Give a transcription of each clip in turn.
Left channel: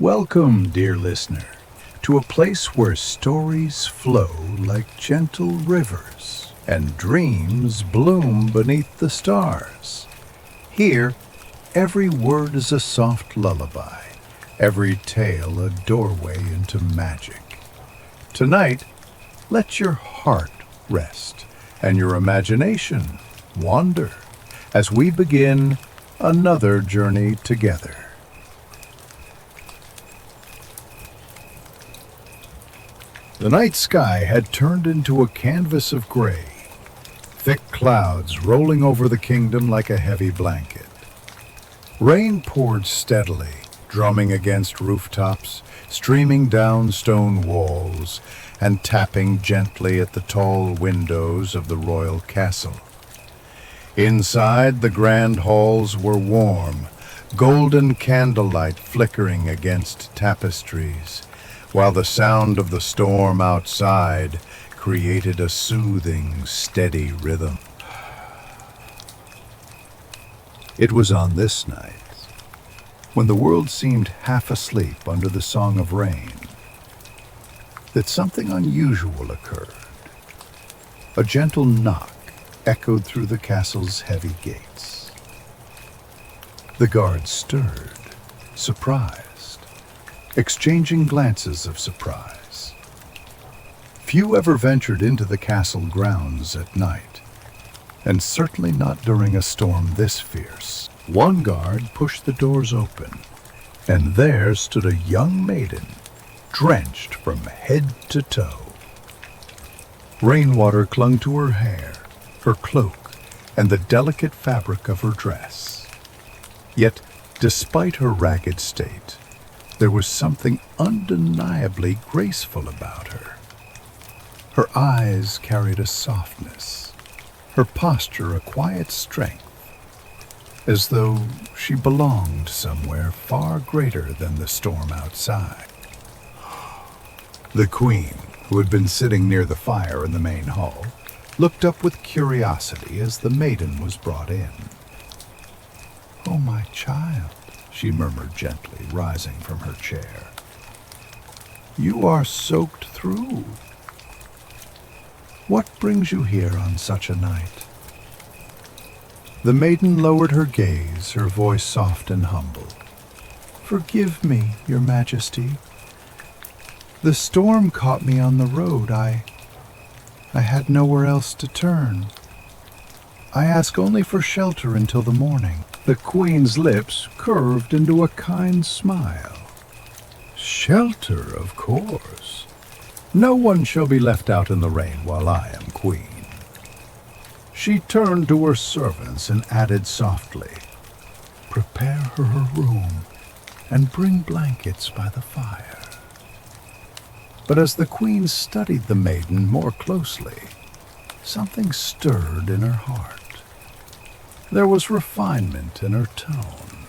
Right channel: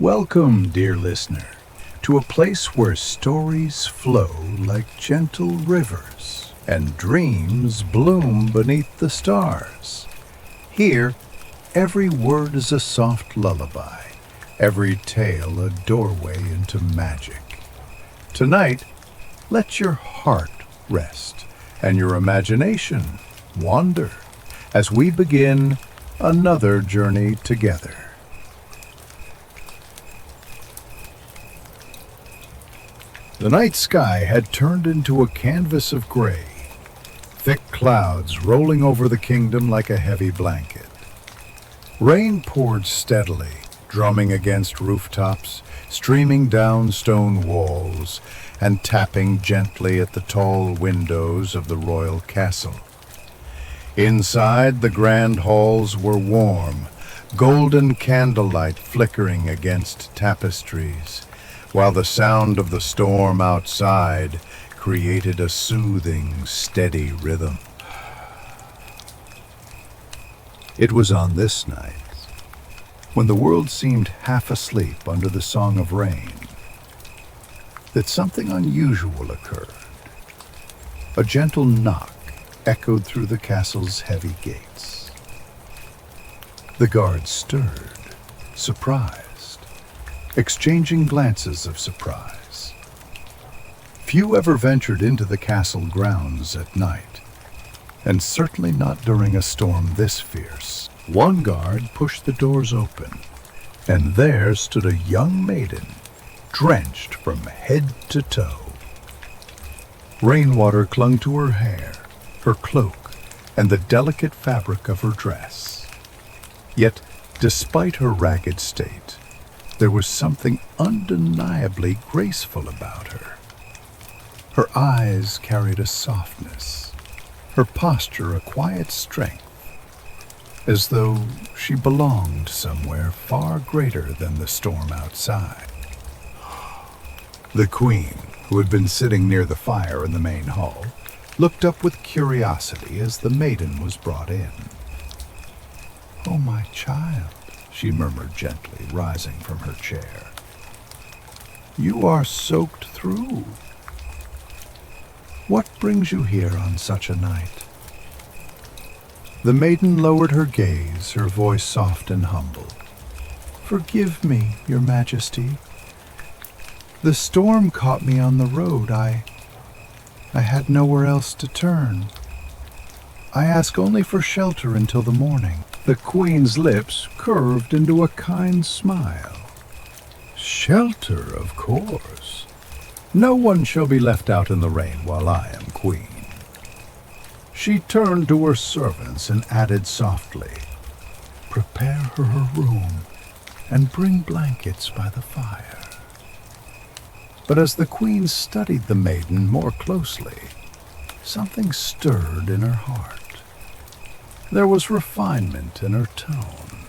Welcome, dear listener, to a place where stories flow like gentle rivers and dreams bloom beneath the stars. Here, every word is a soft lullaby, every tale a doorway into magic. Tonight, let your heart rest and your imagination wander as we begin another journey together. The night sky had turned into a canvas of gray, thick clouds rolling over the kingdom like a heavy blanket. Rain poured steadily, drumming against rooftops, streaming down stone walls, and tapping gently at the tall windows of the royal castle. Inside, the grand halls were warm, golden candlelight flickering against tapestries, while the sound of the storm outside created a soothing, steady rhythm. It was on this night, when the world seemed half asleep under the song of rain, that something unusual occurred. A gentle knock echoed through the castle's heavy gates. The guards stirred, surprised, exchanging glances of surprise. Few ever ventured into the castle grounds at night, and certainly not during a storm this fierce. One guard pushed the doors open, and there stood a young maiden, drenched from head to toe. Rainwater clung to her hair, her cloak, and the delicate fabric of her dress. Yet, despite her ragged state, there was something undeniably graceful about her. Her eyes carried a softness, her posture a quiet strength, as though she belonged somewhere far greater than the storm outside. The queen, who had been sitting near the fire in the main hall, looked up with curiosity as the maiden was brought in. "Oh, my child," she murmured gently, rising from her chair. "You are soaked through. What brings you here on such a night?" The maiden lowered her gaze, her voice soft and humble. "Forgive me, your majesty. The storm caught me on the road. I had nowhere else to turn. I ask only for shelter until the morning." The queen's lips curved into a kind smile. "Shelter, of course. No one shall be left out in the rain while I am queen." She turned to her servants and added softly, "Prepare her a room and bring blankets by the fire." But as the queen studied the maiden more closely, something stirred in her heart. There was refinement in her tone,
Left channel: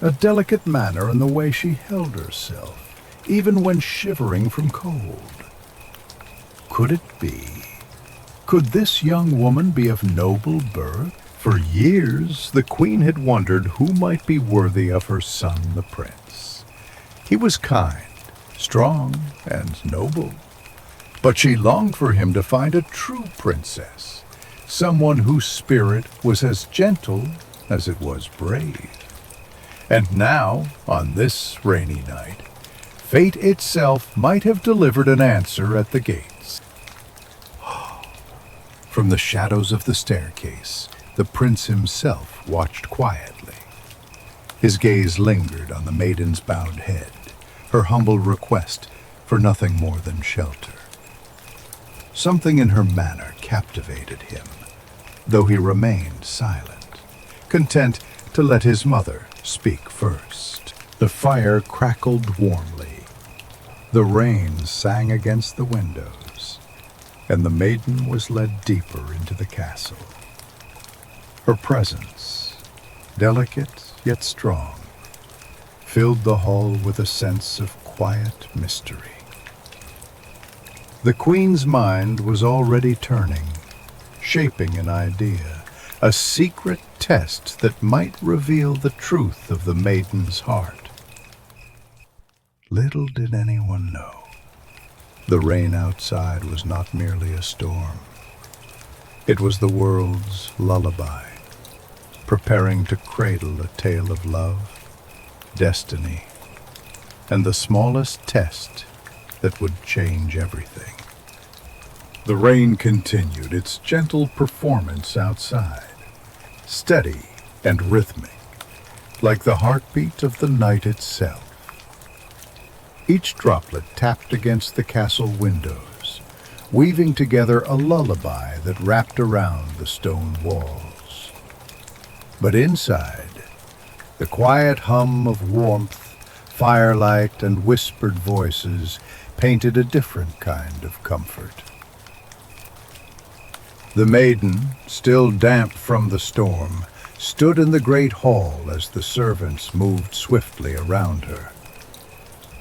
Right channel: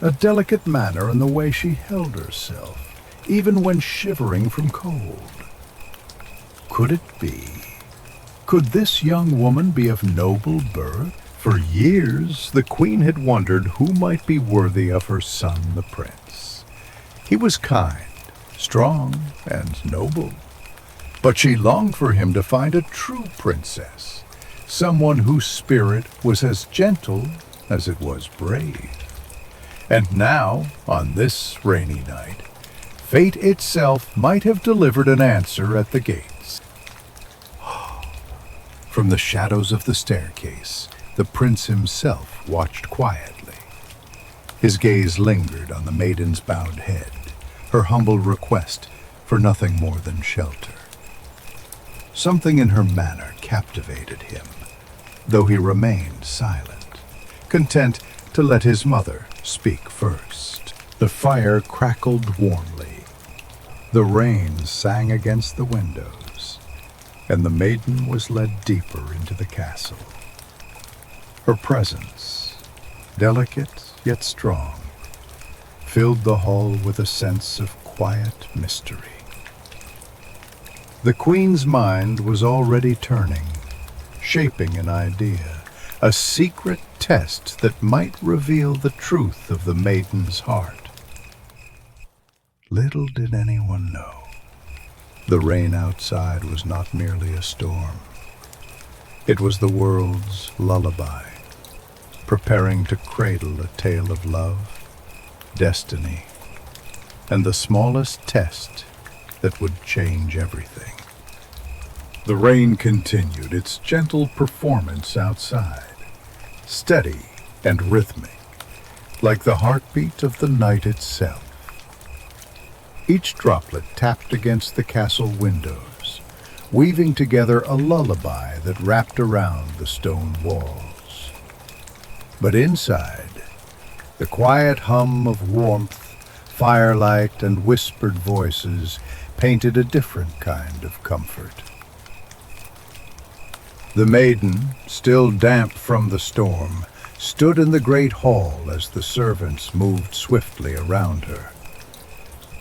a delicate manner in the way she held herself, even when shivering from cold. Could it be? Could this young woman be of noble birth? For years, the queen had wondered who might be worthy of her son, the prince. He was kind, strong, and noble, but she longed for him to find a true princess, someone whose spirit was as gentle as it was brave. And now, on this rainy night, fate itself might have delivered an answer at the gates. From the shadows of the staircase, the prince himself watched quietly. His gaze lingered on the maiden's bowed head, her humble request for nothing more than shelter. Something in her manner captivated him, though he remained silent, content to let his mother speak first. The fire crackled warmly. The rain sang against the windows, and the maiden was led deeper into the castle. Her presence, delicate yet strong, filled the hall with a sense of quiet mystery. The queen's mind was already turning, shaping an idea, a secret test that might reveal the truth of the maiden's heart. Little did anyone know, the rain outside was not merely a storm. It was the world's lullaby, preparing to cradle a tale of love, destiny, and the smallest test that would change everything. The rain continued its gentle performance outside, steady and rhythmic, like the heartbeat of the night itself. Each droplet tapped against the castle windows, weaving together a lullaby that wrapped around the stone walls. But inside, the quiet hum of warmth, firelight, and whispered voices painted a different kind of comfort. The maiden, still damp from the storm, stood in the great hall as the servants moved swiftly around her.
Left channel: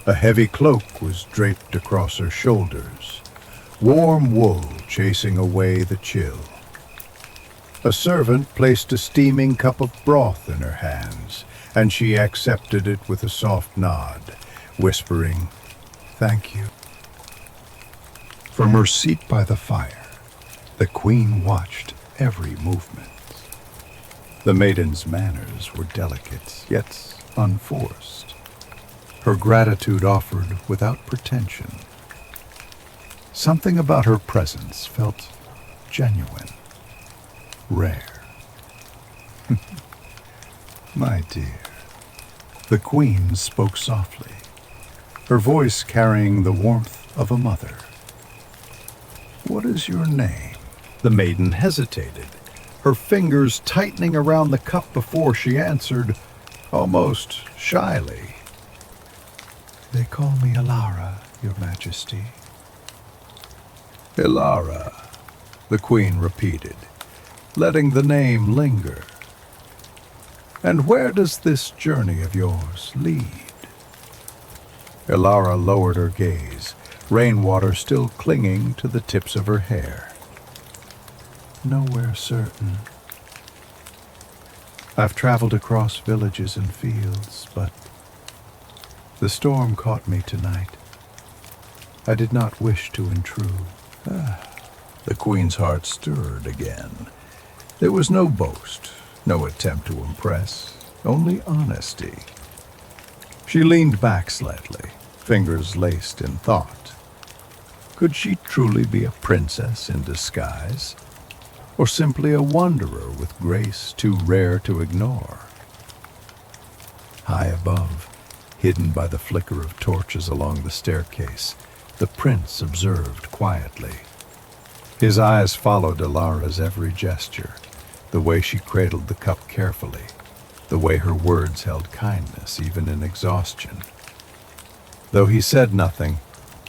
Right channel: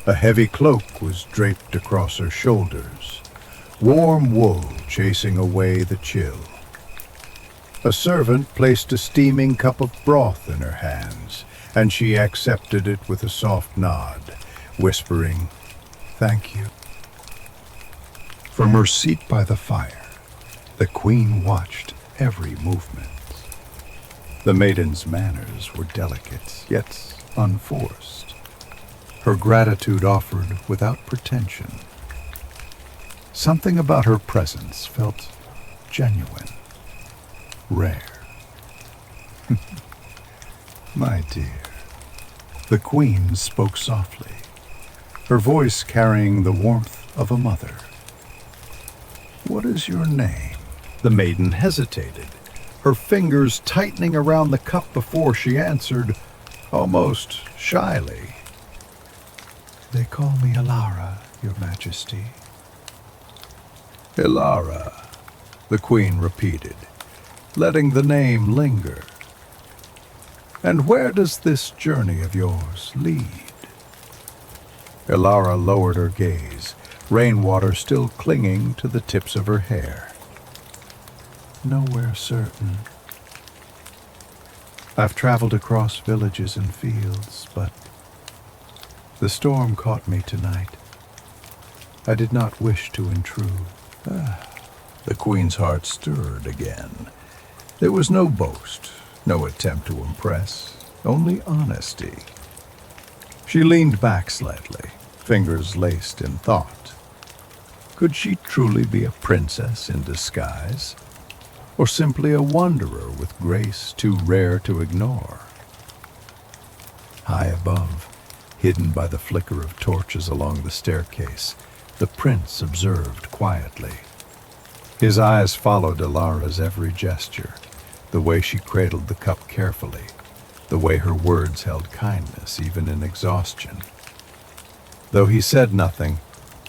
A heavy cloak was draped across her shoulders, warm wool chasing away the chill. A servant placed a steaming cup of broth in her hands, and she accepted it with a soft nod, whispering, "Thank you." From her seat by the fire, the queen watched every movement. The maiden's manners were delicate, yet unforced. Her gratitude offered without pretension. Something about her presence felt genuine, rare. "My dear," the queen spoke softly, her voice carrying the warmth of a mother. "What is your name?" The maiden hesitated, her fingers tightening around the cup before she answered, almost shyly. "They call me Alara, your majesty." "Alara," the queen repeated, letting the name linger. "And where does this journey of yours lead?" Alara lowered her gaze, rainwater still clinging to the tips of her hair. "Nowhere certain. I've traveled across villages and fields, but the storm caught me tonight. I did not wish to intrude." The queen's heart stirred again. There was no boast, no attempt to impress, only honesty. She leaned back slightly, fingers laced in thought. Could she truly be a princess in disguise, or simply a wanderer with grace too rare to ignore? High above, hidden by the flicker of torches along the staircase, the prince observed quietly. His eyes followed Alara's every gesture, the way she cradled the cup carefully, the way her words held kindness even in exhaustion. Though he said nothing,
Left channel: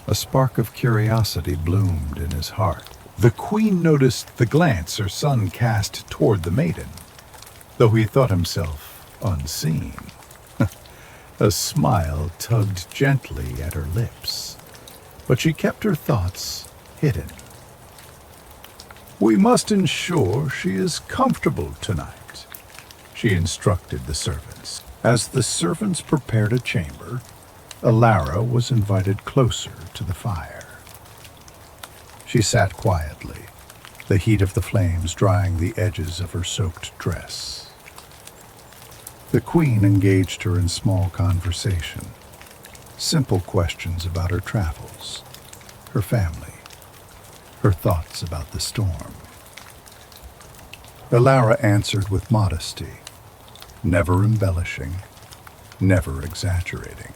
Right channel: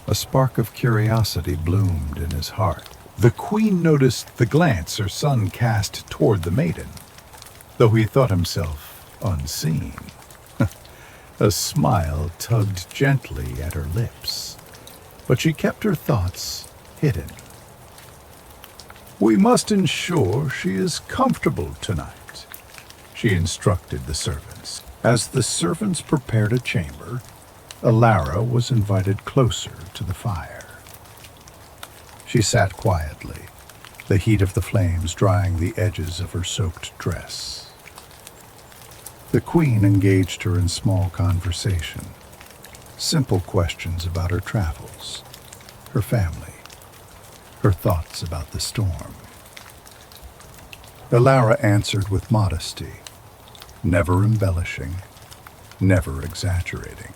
a spark of curiosity bloomed in his heart. The queen noticed the glance her son cast toward the maiden, though he thought himself unseen. A smile tugged gently at her lips, but she kept her thoughts hidden. "We must ensure she is comfortable tonight," she instructed the servants. As the servants prepared a chamber, Alara was invited closer to the fire. She sat quietly, the heat of the flames drying the edges of her soaked dress. The queen engaged her in small conversation, simple questions about her travels, her family, her thoughts about the storm. Alara answered with modesty, never embellishing, never exaggerating.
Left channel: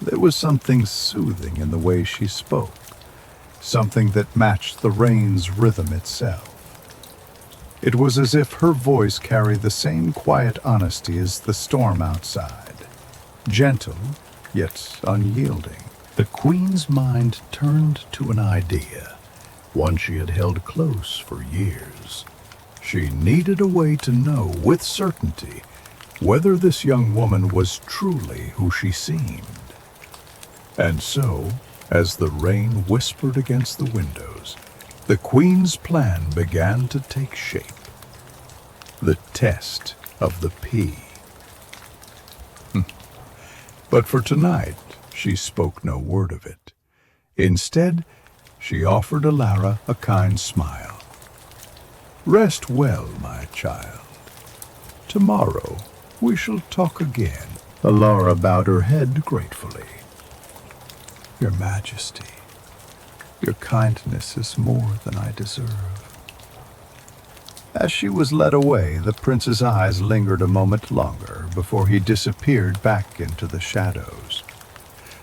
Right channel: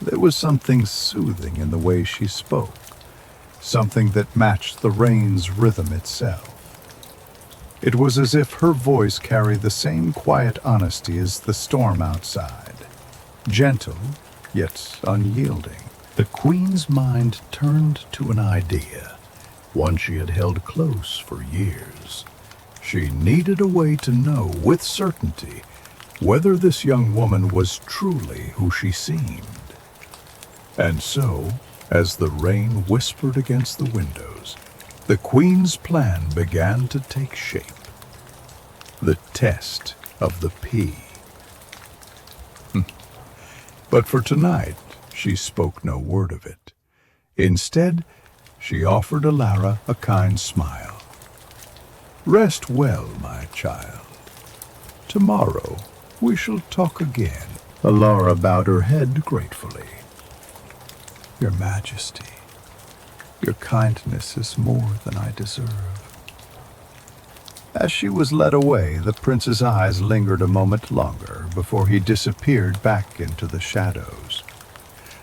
There was something soothing in the way she spoke, something that matched the rain's rhythm itself. It was as if her voice carried the same quiet honesty as the storm outside, gentle yet unyielding. The queen's mind turned to an idea, one she had held close for years. She needed a way to know with certainty whether this young woman was truly who she seemed. And so, as the rain whispered against the windows, the queen's plan began to take shape. The test of the pea. But for tonight, she spoke no word of it. Instead, she offered Alara a kind smile. "Rest well, my child. Tomorrow we shall talk again." Alara bowed her head gratefully. "Your Majesty, your kindness is more than I deserve." As she was led away, the prince's eyes lingered a moment longer before he disappeared back into the shadows.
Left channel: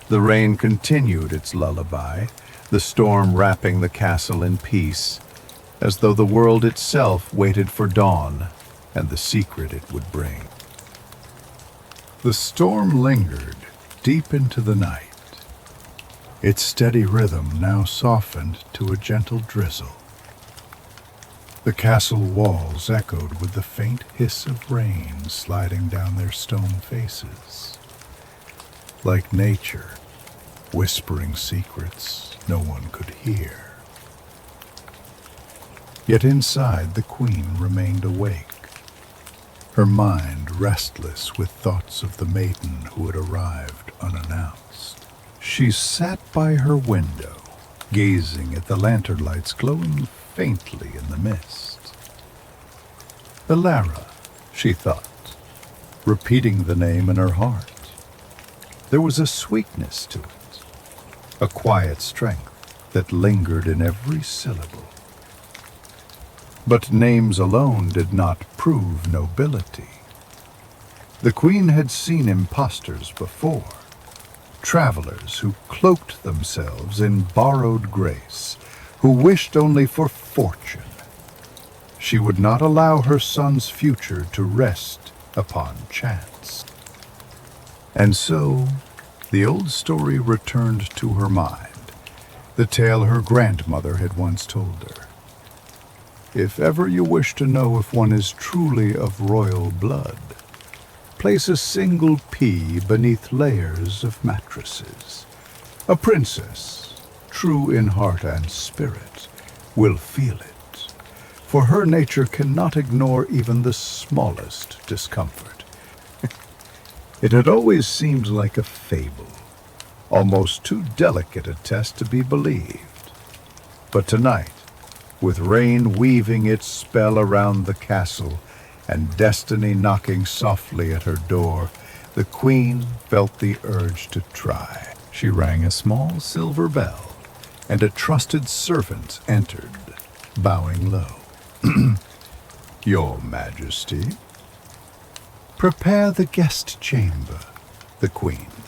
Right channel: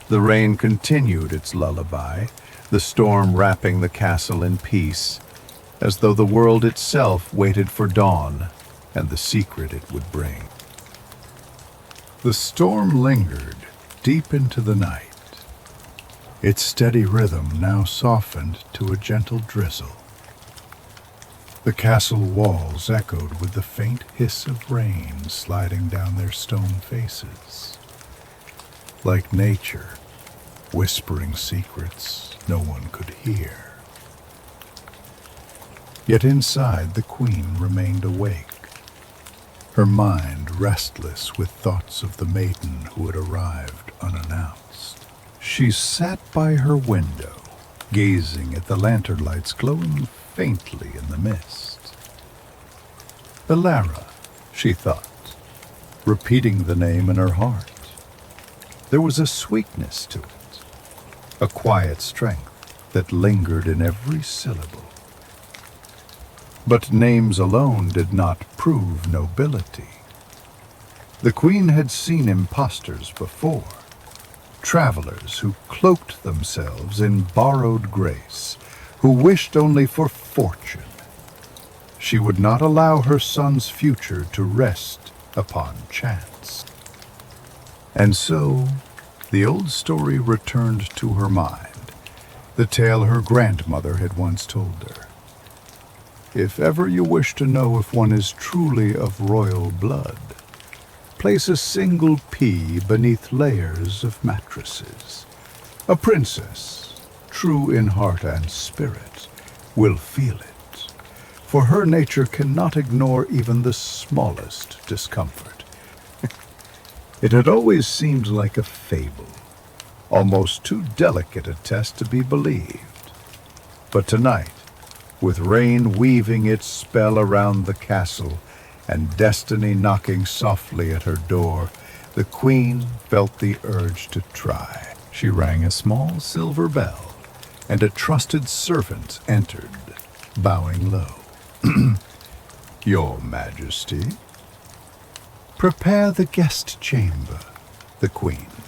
The rain continued its lullaby, the storm wrapping the castle in peace, as though the world itself waited for dawn and the secret it would bring. The storm lingered deep into the night, its steady rhythm now softened to a gentle drizzle. The castle walls echoed with the faint hiss of rain sliding down their stone faces. Like nature, whispering secrets no one could hear. Yet inside the queen remained awake, her mind restless with thoughts of the maiden who had arrived unannounced. She sat by her window, gazing at the lantern lights glowing faintly in the mist. Alara, she thought, repeating the name in her heart. There was a sweetness to it, a quiet strength that lingered in every syllable. But names alone did not prove nobility. The queen had seen impostors before, travelers who cloaked themselves in borrowed grace, who wished only for fortune. She would not allow her son's future to rest upon chance. And so, the old story returned to her mind, the tale her grandmother had once told her. If ever you wish to know if one is truly of royal blood, place a single pea beneath layers of mattresses. A princess, true in heart and spirit, will feel it, for her nature cannot ignore even the smallest discomfort. It had always seemed like a fable, almost too delicate a test to be believed. But tonight, with rain weaving its spell around the castle and destiny knocking softly at her door, the queen felt the urge to try. She rang a small silver bell, and a trusted servant entered, bowing low. "Your Majesty." "Prepare the guest chamber," the queen.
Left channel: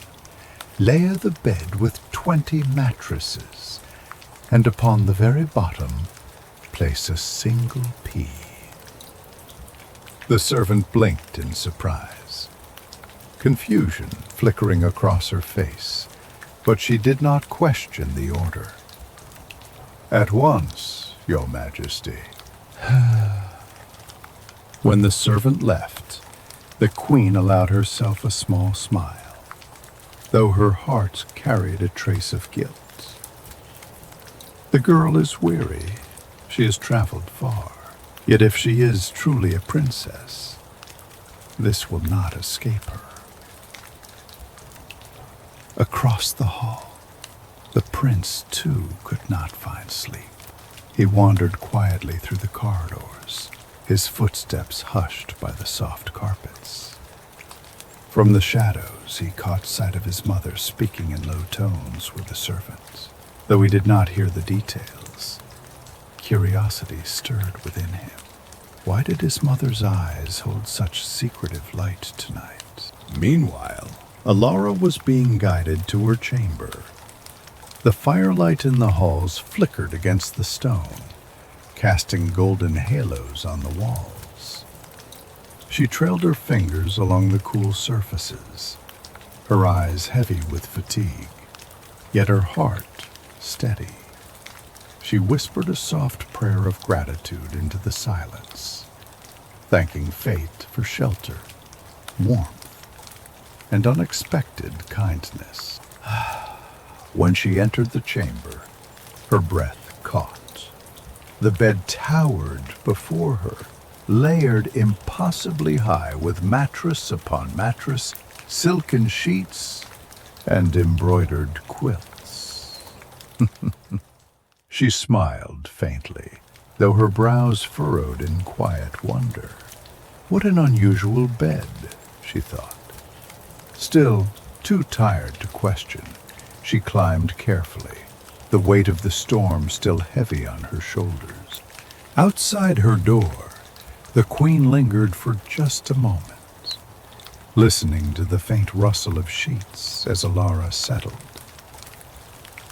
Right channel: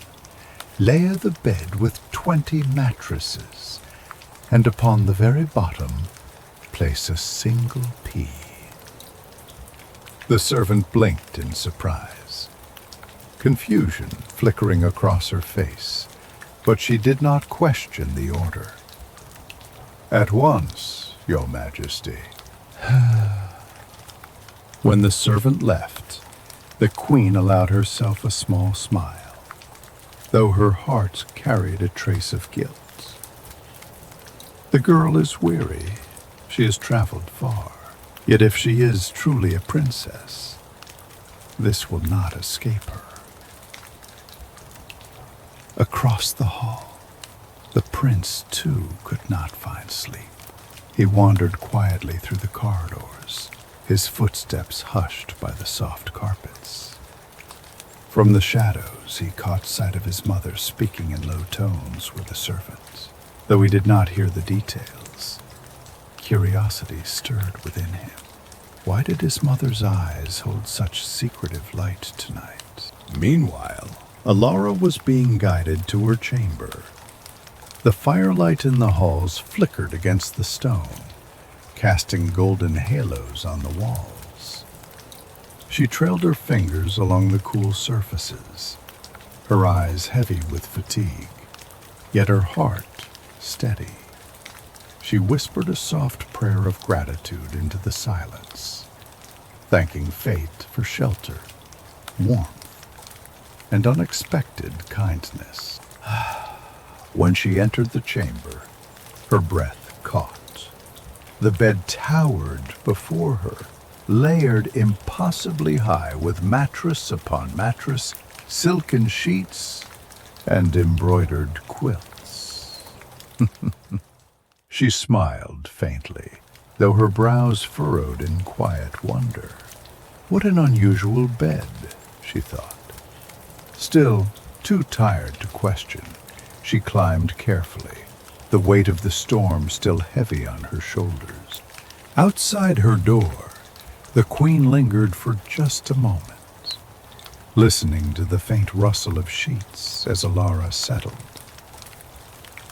"Layer the bed with 20 mattresses, and upon the very bottom place a single pea." The servant blinked in surprise, confusion flickering across her face, but she did not question the order. "At once, Your Majesty." When the servant left, the queen allowed herself a small smile, though her heart carried a trace of guilt. The girl is weary. She has traveled far. Yet if she is truly a princess, this will not escape her. Across the hall, the prince too could not find sleep. He wandered quietly through the corridors, his footsteps hushed by the soft carpets. From the shadows, he caught sight of his mother speaking in low tones with the servant. Though he did not hear the details, curiosity stirred within him. Why did his mother's eyes hold such secretive light tonight? Meanwhile, Alara was being guided to her chamber. The firelight in the halls flickered against the stone, casting golden halos on the walls. She trailed her fingers along the cool surfaces, her eyes heavy with fatigue, yet her heart steady. She whispered a soft prayer of gratitude into the silence, thanking fate for shelter, warmth, and unexpected kindness. When she entered the chamber, her breath caught. The bed towered before her, layered impossibly high with mattress upon mattress, silken sheets, and embroidered quilts. She smiled faintly, though her brows furrowed in quiet wonder. What an unusual bed, she thought. Still, too tired to question, she climbed carefully, the weight of the storm still heavy on her shoulders. Outside her door, the queen lingered for just a moment, listening to the faint rustle of sheets as Alara settled.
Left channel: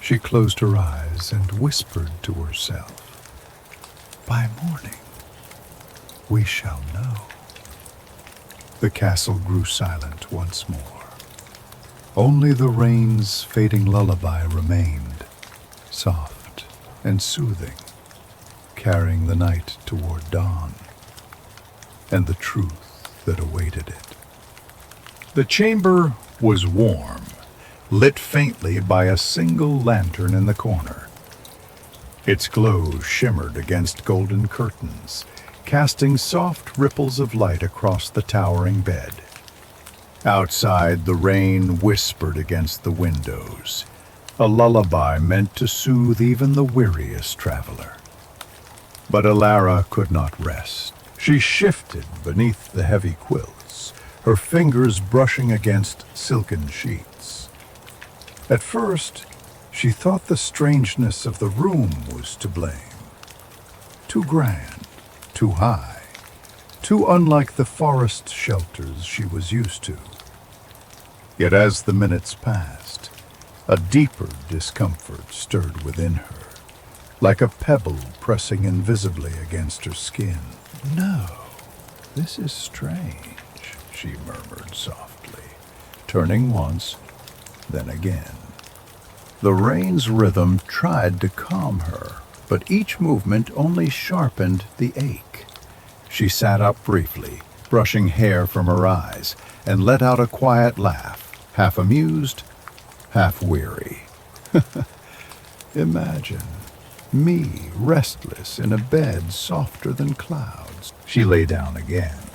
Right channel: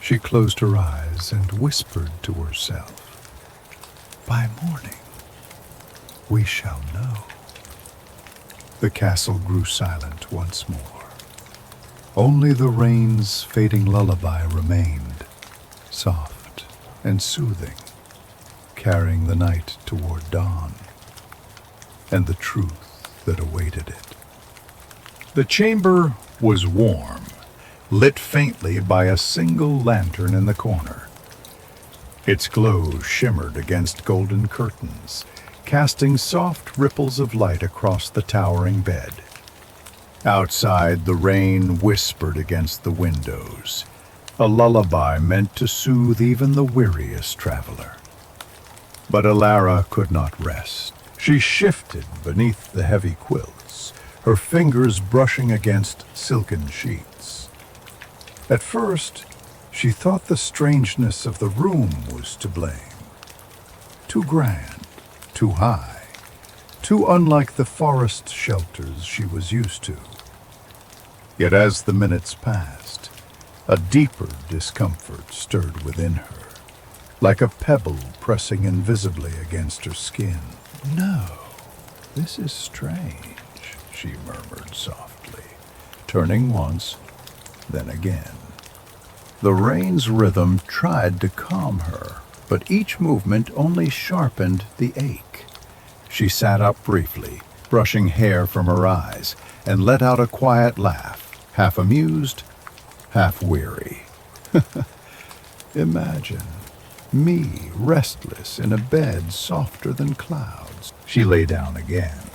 She closed her eyes and whispered to herself, "By morning, we shall know." The castle grew silent once more. Only the rain's fading lullaby remained, soft and soothing, carrying the night toward dawn, and the truth that awaited it. The chamber was warm, lit faintly by a single lantern in the corner. Its glow shimmered against golden curtains, casting soft ripples of light across the towering bed. Outside, the rain whispered against the windows, a lullaby meant to soothe even the weariest traveler. But Alara could not rest. She shifted beneath the heavy quilts, her fingers brushing against silken sheets. At first, she thought the strangeness of the room was to blame. Too grand, too high, too unlike the forest shelters she was used to. Yet as the minutes passed, a deeper discomfort stirred within her, like a pebble pressing invisibly against her skin. "No, this is strange," she murmured softly, turning once, then again. The rain's rhythm tried to calm her, but each movement only sharpened the ache. She sat up briefly, brushing hair from her eyes, and let out a quiet laugh, half amused, half weary. Imagine me restless in a bed softer than clouds. She lay down again,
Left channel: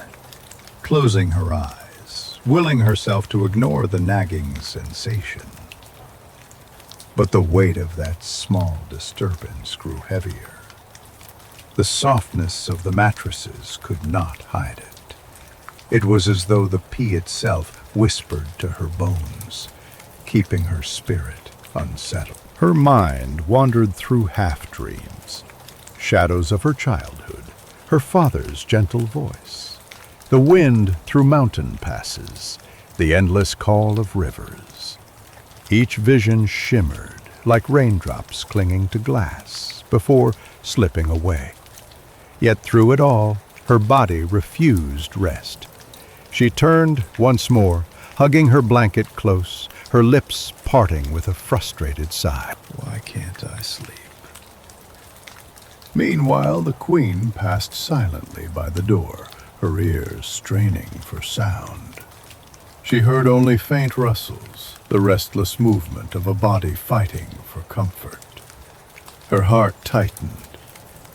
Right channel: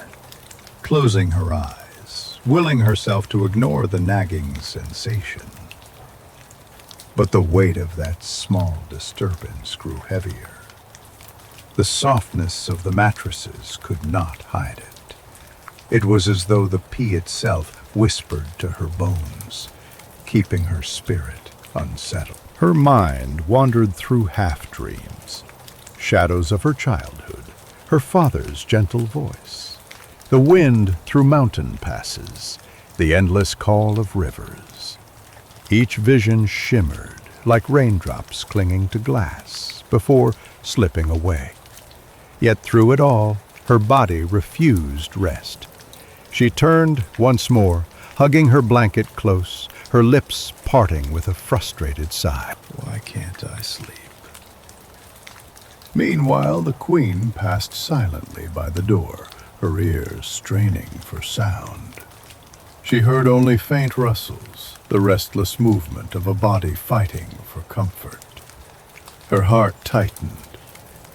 closing her eyes, willing herself to ignore the nagging sensation. But the weight of that small disturbance grew heavier. The softness of the mattresses could not hide it. It was as though the pea itself whispered to her bones, keeping her spirit unsettled. Her mind wandered through half-dreams, shadows of her childhood, her father's gentle voice, the wind through mountain passes, the endless call of rivers. Each vision shimmered like raindrops clinging to glass before slipping away. Yet through it all, her body refused rest. She turned once more, hugging her blanket close, her lips parting with a frustrated sigh. "Why can't I sleep?" Meanwhile, the queen passed silently by the door, her ears straining for sound. She heard only faint rustles, the restless movement of a body fighting for comfort. Her heart tightened.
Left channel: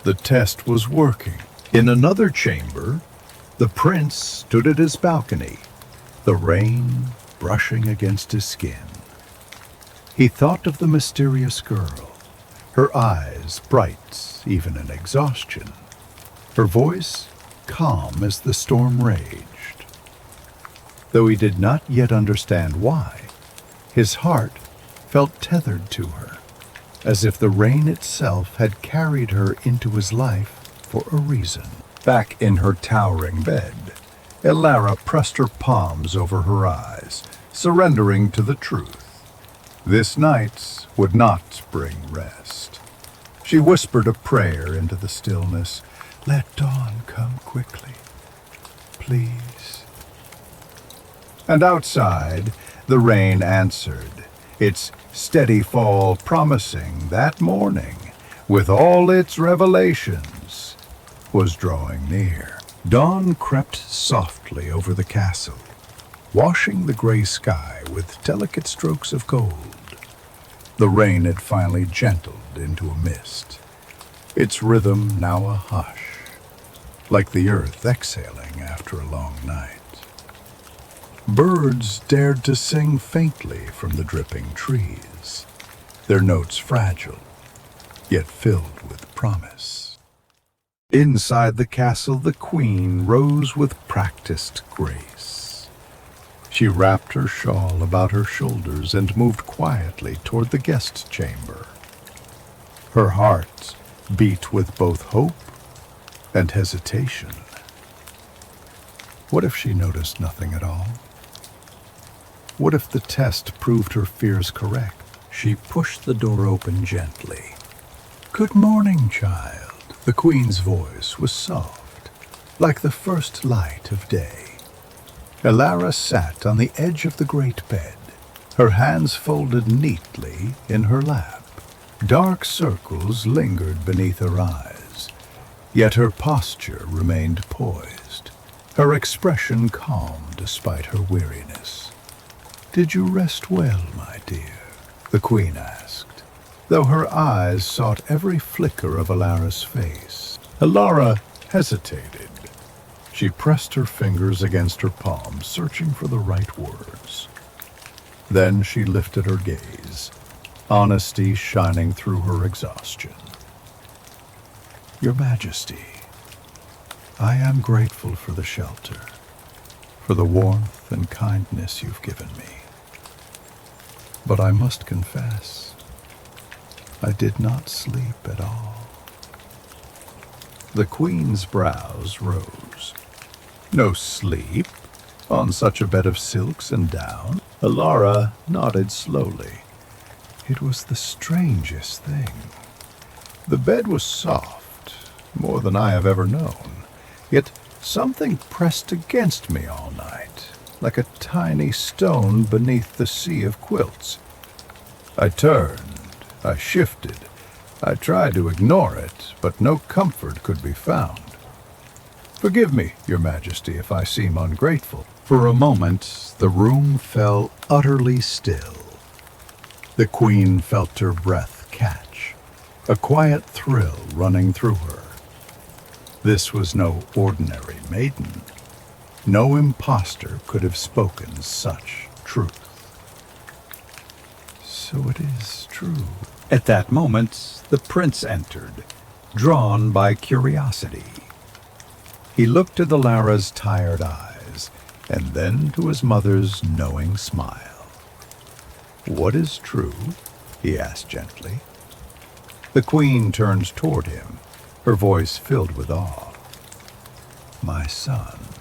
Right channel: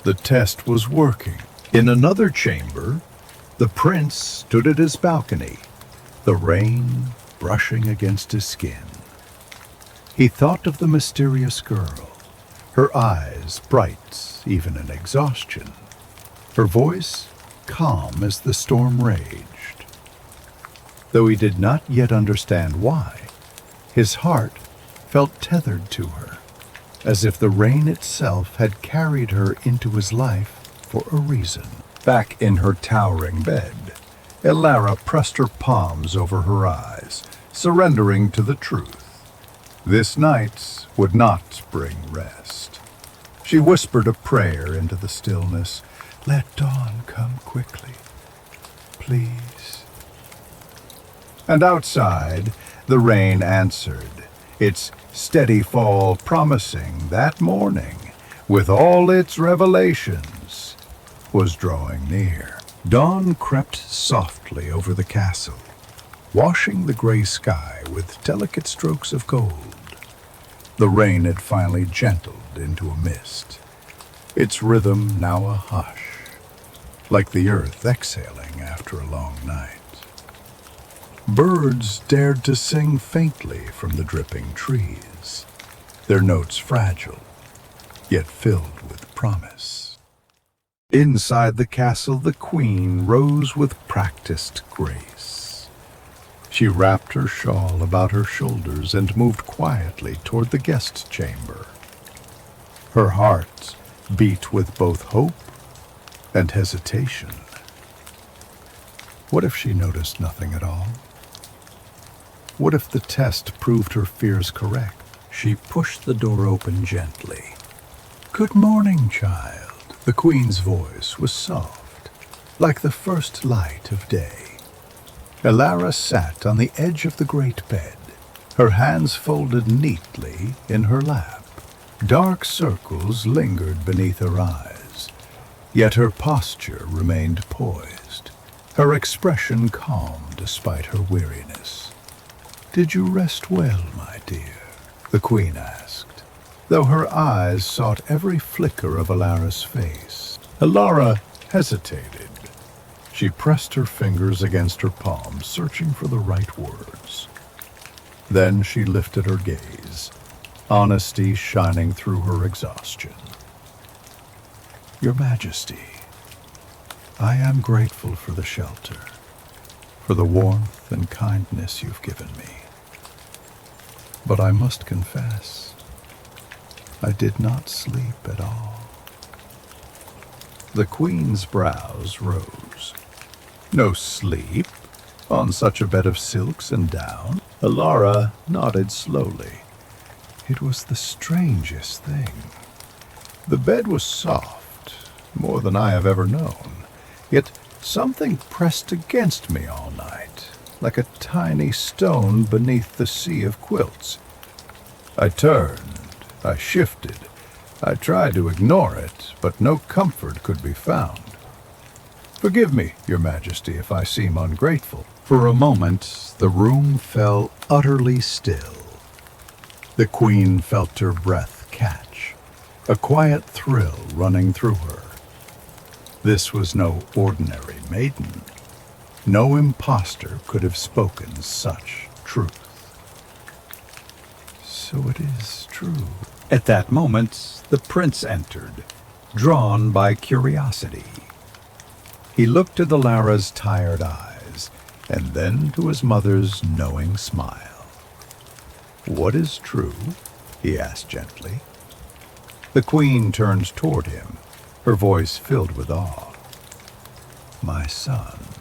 The test was working. In another chamber, the prince stood at his balcony, the rain brushing against his skin. He thought of the mysterious girl, her eyes bright even in exhaustion, her voice calm as the storm raged. Though he did not yet understand why, his heart felt tethered to her, as if the rain itself had carried her into his life for a reason. Back in her towering bed, Alara pressed her palms over her eyes, surrendering to the truth. This night would not bring rest. She whispered a prayer into the stillness. "Let dawn come quickly, please." And outside, the rain answered, its steady fall promising that morning, with all its revelations, was drawing near. Dawn crept softly over the castle, washing the gray sky with delicate strokes of gold. The rain had finally gentled into a mist, its rhythm now a hush, like the earth exhaling after a long night. Birds dared to sing faintly from the dripping trees, their notes fragile, yet filled with promise. Inside the castle, the queen rose with practiced grace. She wrapped her shawl about her shoulders and moved quietly toward the guest chamber. Her heart beat with both hope and hesitation. What if she noticed nothing at all? What if the test proved her fears correct? She pushed the door open gently. "Good morning, child." The queen's voice was soft, like the first light of day. Elara sat on the edge of the great bed, her hands folded neatly in her lap. Dark circles lingered beneath her eyes, yet her posture remained poised, her expression calm despite her weariness. "Did you rest well, my dear?" the queen asked, though her eyes sought every flicker of Elara's face. Elara hesitated. She pressed her fingers against her palms, searching for the right words. Then she lifted her gaze, honesty shining through her exhaustion. "Your Majesty, I am grateful for the shelter, for the warmth and kindness you've given me. But I must confess, I did not sleep at all." The queen's brows rose. "No sleep? On such a bed of silks and down?" Elara nodded slowly. "It was the strangest thing. The bed was soft, more than I have ever known, yet something pressed against me all night, like a tiny stone beneath the sea of quilts. I turned, I shifted, I tried to ignore it, but no comfort could be found. Forgive me, Your Majesty, if I seem ungrateful." For a moment, the room fell utterly still. The queen felt her breath catch, a quiet thrill running through her. This was no ordinary maiden. No impostor could have spoken such truth. "So it is true." At that moment, the prince entered, drawn by curiosity. He looked at Elara's tired eyes, and then to his mother's knowing smile. "What is true?" he asked gently. The queen turned toward him, her voice filled with awe. "My son.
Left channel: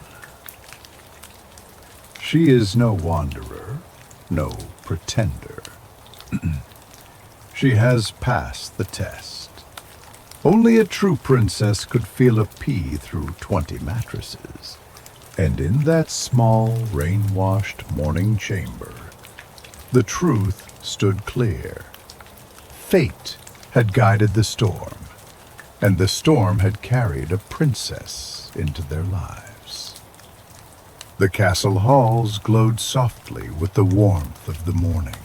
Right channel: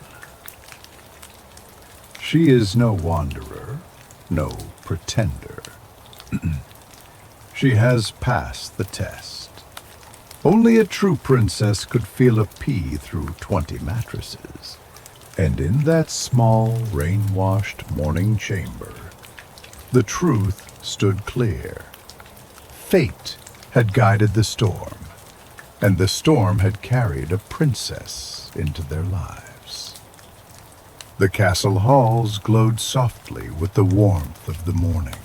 She is no wanderer, no pretender. She has passed the test. Only a true princess could feel a pea through 20 mattresses. And in that small, rain-washed morning chamber, the truth stood clear. Fate had guided the storm, and the storm had carried a princess into their lives. The castle halls glowed softly with the warmth of the morning.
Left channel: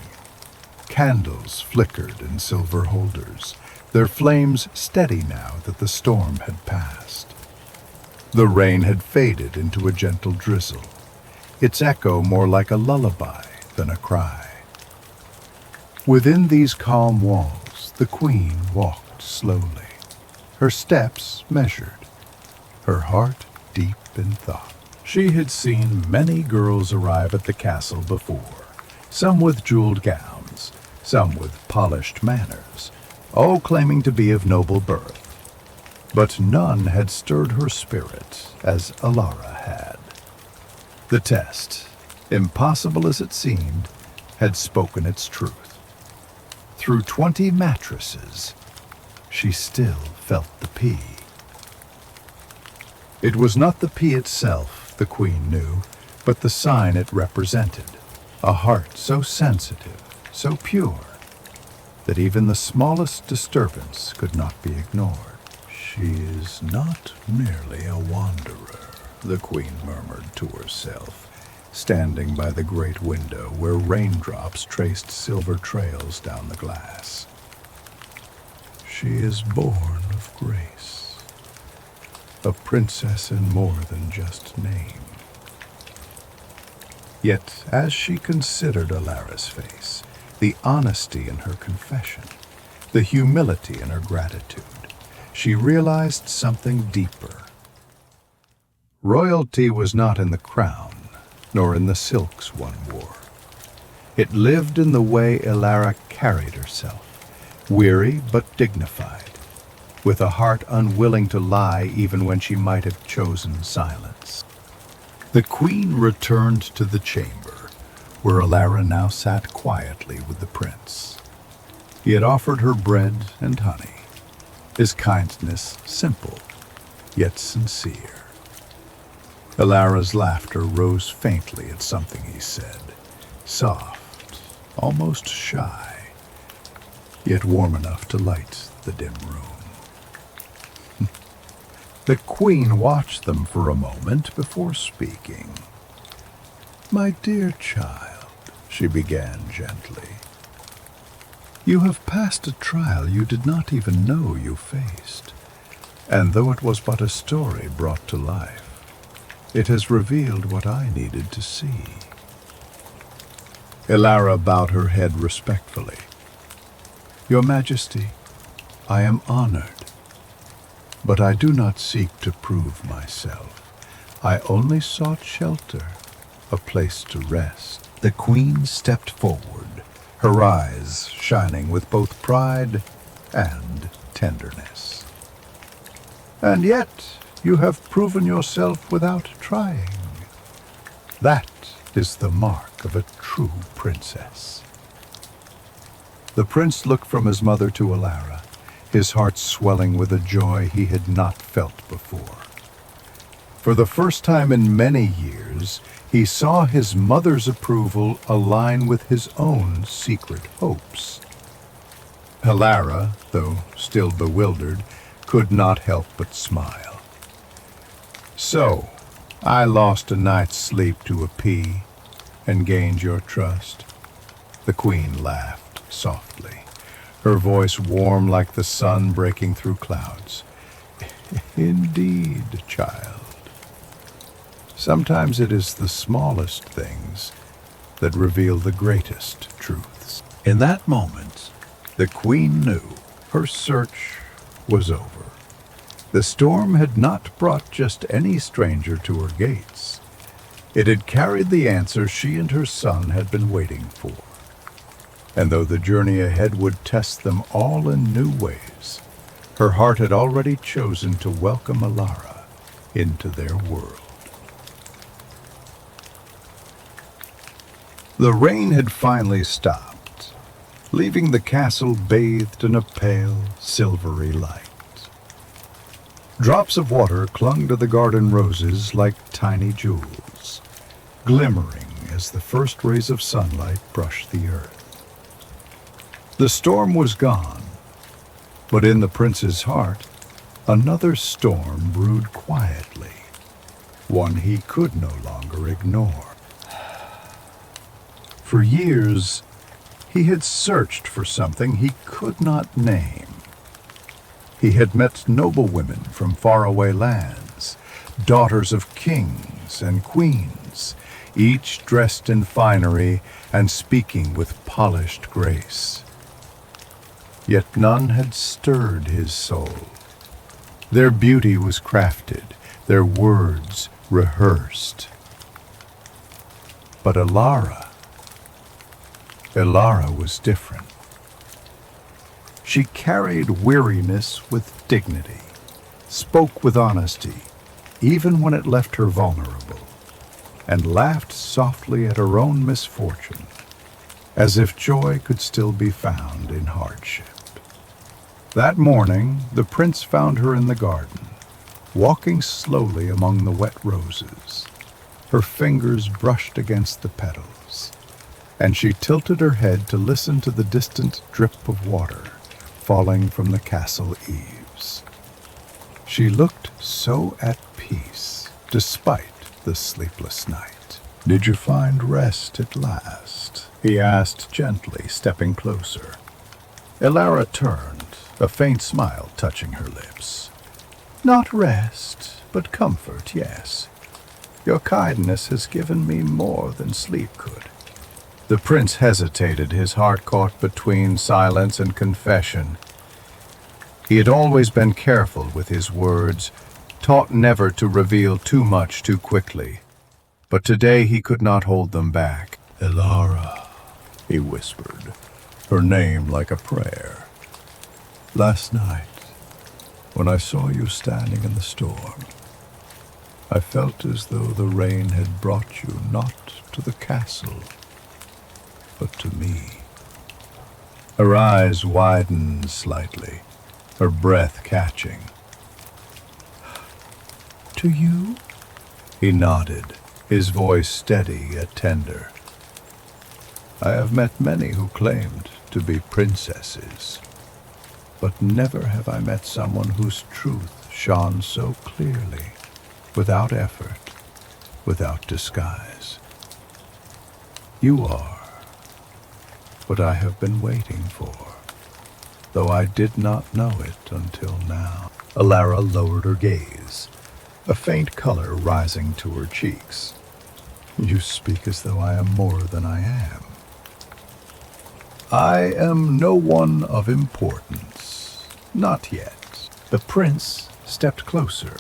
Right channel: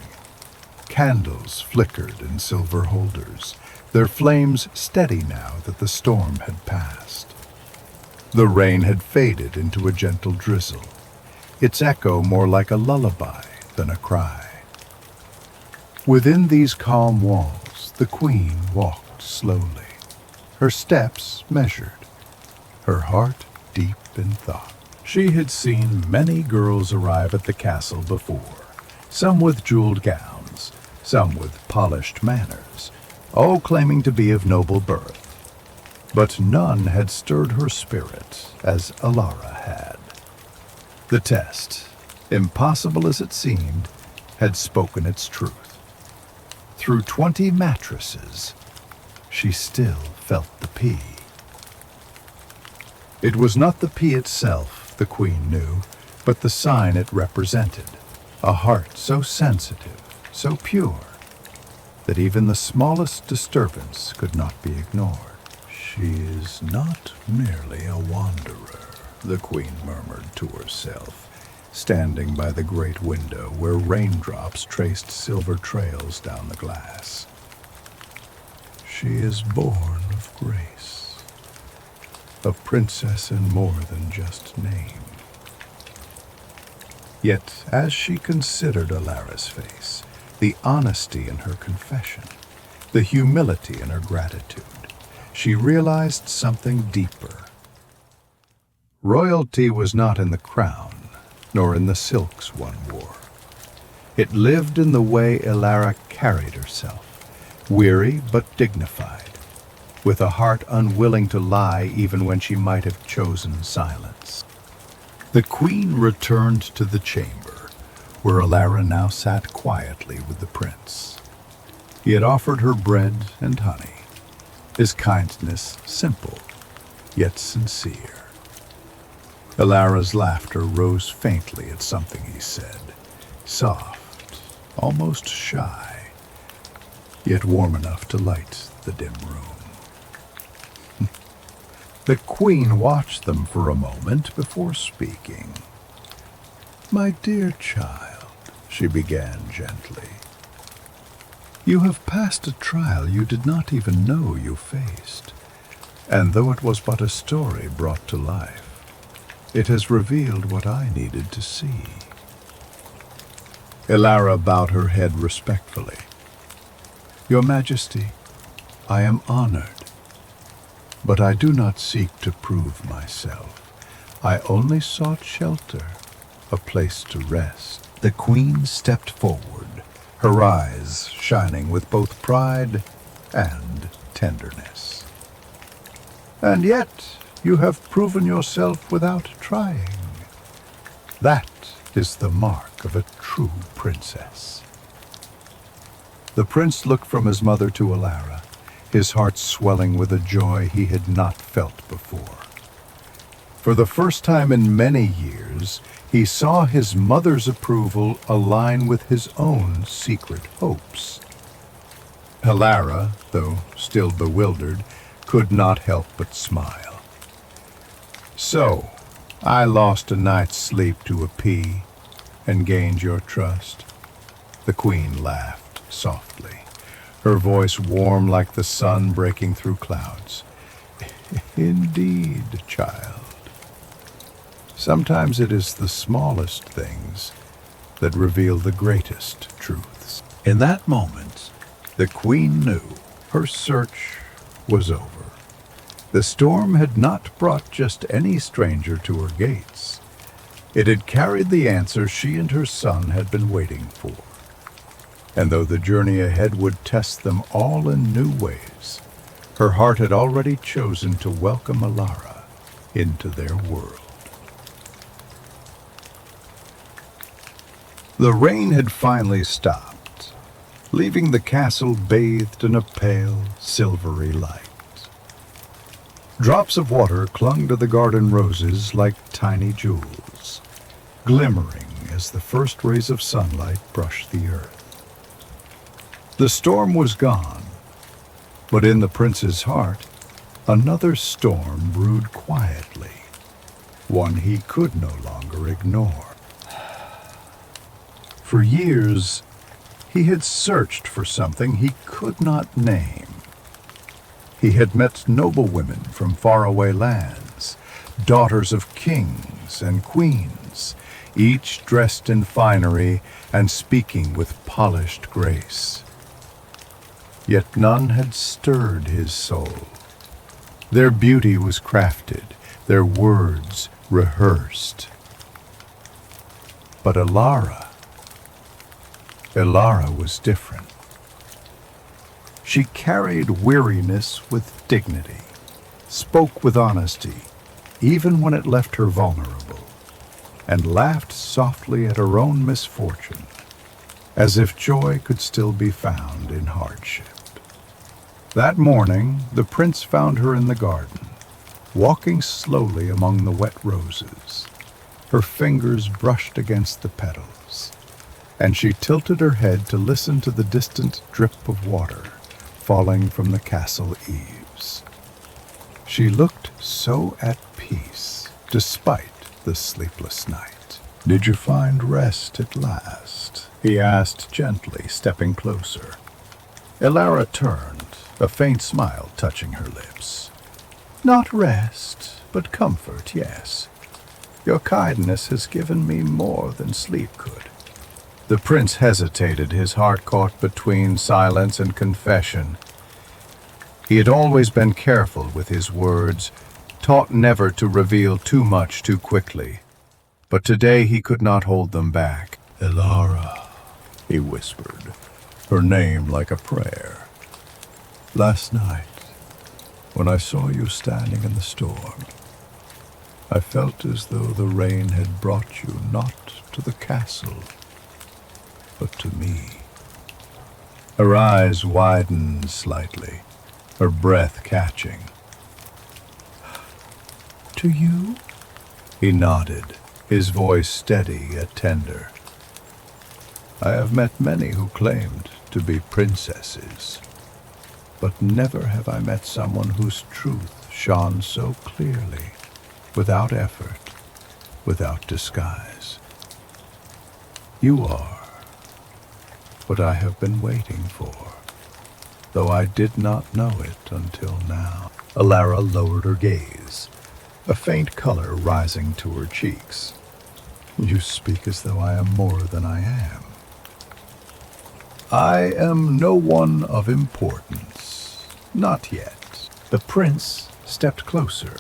Candles flickered in silver holders, their flames steady now that the storm had passed. The rain had faded into a gentle drizzle, its echo more like a lullaby than a cry. Within these calm walls, the queen walked slowly, her steps measured, her heart deep in thought. She had seen many girls arrive at the castle before, some with jeweled gowns, some with polished manners, all claiming to be of noble birth. But none had stirred her spirit as Elara had. The test, impossible as it seemed, had spoken its truth. Through 20 mattresses, she still felt the pea. It was not the pea itself, the queen knew, but the sign it represented, a heart so sensitive, so pure, that even the smallest disturbance could not be ignored. "She is not merely a wanderer," the queen murmured to herself, standing by the great window where raindrops traced silver trails down the glass. "She is born of grace, a princess in more than just name." Yet, as she considered Alara's face, the honesty in her confession, the humility in her gratitude, she realized something deeper. Royalty was not in the crown, nor in the silks one wore. It lived in the way Alara carried herself, weary but dignified, with a heart unwilling to lie even when she might have chosen silence. The queen returned to the chamber, where Alara now sat quietly with the prince. He had offered her bread and honey, his kindness simple, yet sincere. Alara's laughter rose faintly at something he said, soft, almost shy, yet warm enough to light the dim room. The queen watched them for a moment before speaking. "My dear child," she began gently, "you have passed a trial you did not even know you faced, and though it was but a story brought to life, it has revealed what I needed to see." Alara bowed her head respectfully. "Your Majesty, I am honored. But I do not seek to prove myself. I only sought shelter, a place to rest." The queen stepped forward, her eyes shining with both pride and tenderness. "And yet you have proven yourself without trying. That is the mark of a true princess." The prince looked from his mother to Alara, his heart swelling with a joy he had not felt before. For the first time in many years, he saw his mother's approval align with his own secret hopes. Alara, though still bewildered, could not help but smile. "So, I lost a night's sleep to appease and gained your trust." The queen laughed softly, her voice warm like the sun breaking through clouds. "Indeed, child. Sometimes it is the smallest things that reveal the greatest truths." In that moment, the queen knew her search was over. The storm had not brought just any stranger to her gates. It had carried the answer she and her son had been waiting for. And though the journey ahead would test them all in new ways, her heart had already chosen to welcome Alara into their world. The rain had finally stopped, leaving the castle bathed in a pale, silvery light. Drops of water clung to the garden roses like tiny jewels, glimmering as the first rays of sunlight brushed the earth. The storm was gone, but in the prince's heart, another storm brewed quietly, one he could no longer ignore. For years, he had searched for something he could not name. He had met noble women from faraway lands, daughters of kings and queens, each dressed in finery and speaking with polished grace. Yet none had stirred his soul. Their beauty was crafted, their words rehearsed. But Alara was different. She carried weariness with dignity, spoke with honesty, even when it left her vulnerable, and laughed softly at her own misfortune, as if joy could still be found in hardship. That morning, the prince found her in the garden, walking slowly among the wet roses. Her fingers brushed against the petals, and she tilted her head to listen to the distant drip of water falling from the castle eaves. She looked so at peace, despite the sleepless night. "Did you find rest at last?" he asked gently, stepping closer. Alara turned, a faint smile touching her lips. "Not rest, but comfort, yes. Your kindness has given me more than sleep could." The prince hesitated, his heart caught between silence and confession. He had always been careful with his words, taught never to reveal too much too quickly. But today he could not hold them back. "Elara," he whispered, her name like a prayer. "Last night, when I saw you standing in the storm, I felt as though the rain had brought you not to the castle, but to me." Her eyes widened slightly, her breath catching. "To you?" He nodded, his voice steady yet tender. "I have met many who claimed to be princesses, but never have I met someone whose truth shone so clearly, without effort, without disguise. You are what I have been waiting for, though I did not know it until now." Elara lowered her gaze, a faint color rising to her cheeks. "You speak as though I am more than I am." "I am no one of importance, not yet." The prince stepped closer,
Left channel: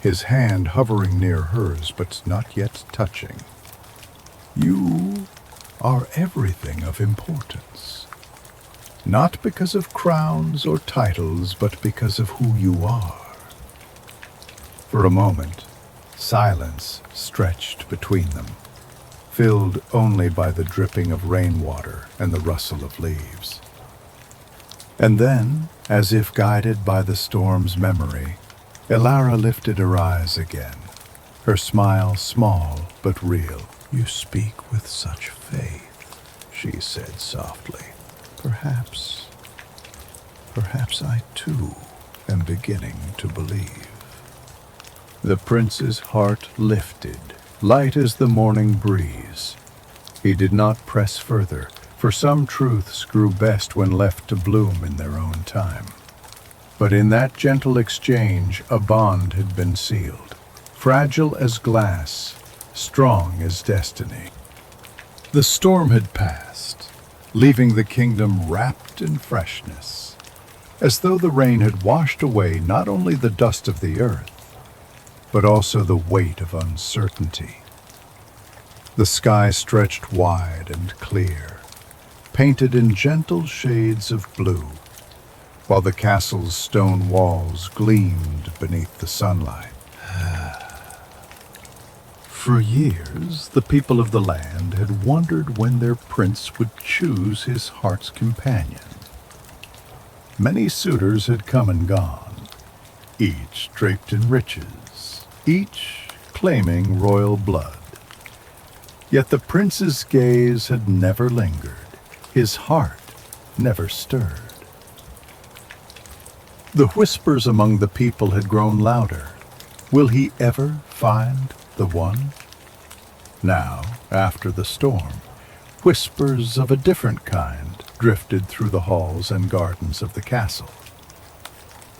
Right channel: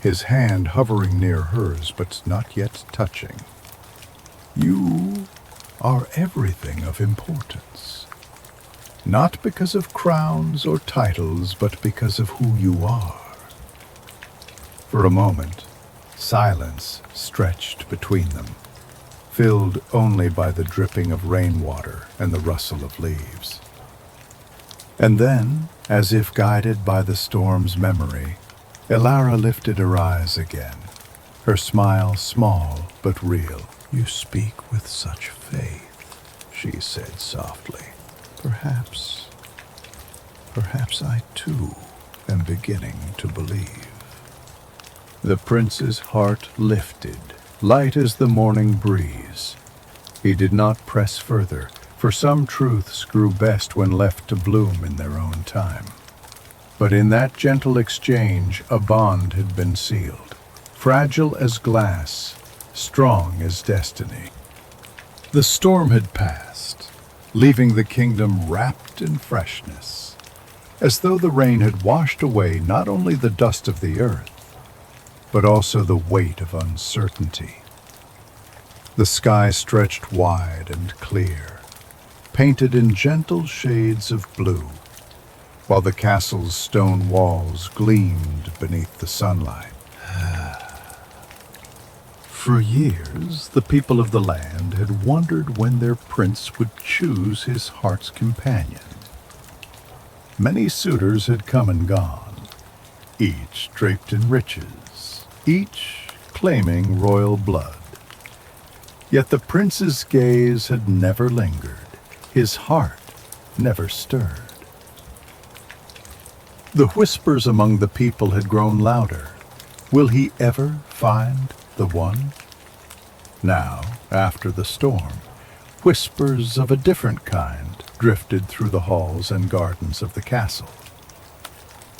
his hand hovering near hers but not yet touching. "You are everything of importance, not because of crowns or titles, but because of who you are." For a moment, silence stretched between them, filled only by the dripping of rainwater and the rustle of leaves. And then, as if guided by the storm's memory, Elara lifted her eyes again, her smile small but real. "You speak with such faith," she said softly. Perhaps I too am beginning to believe." The prince's heart lifted, light as the morning breeze. He did not press further, for some truths grew best when left to bloom in their own time. But in that gentle exchange a bond had been sealed, fragile as glass, strong as destiny. The storm had passed, leaving the kingdom wrapped in freshness, as though the rain had washed away not only the dust of the earth, but also the weight of uncertainty. The sky stretched wide and clear, painted in gentle shades of blue, while the castle's stone walls gleamed beneath the sunlight. For years, the people of the land had wondered when their prince would choose his heart's companion. Many suitors had come and gone, each draped in riches, each claiming royal blood. Yet the prince's gaze had never lingered, his heart never stirred. The whispers among the people had grown louder. Will he ever find the one? Now, after the storm, whispers of a different kind drifted through the halls and gardens of the castle.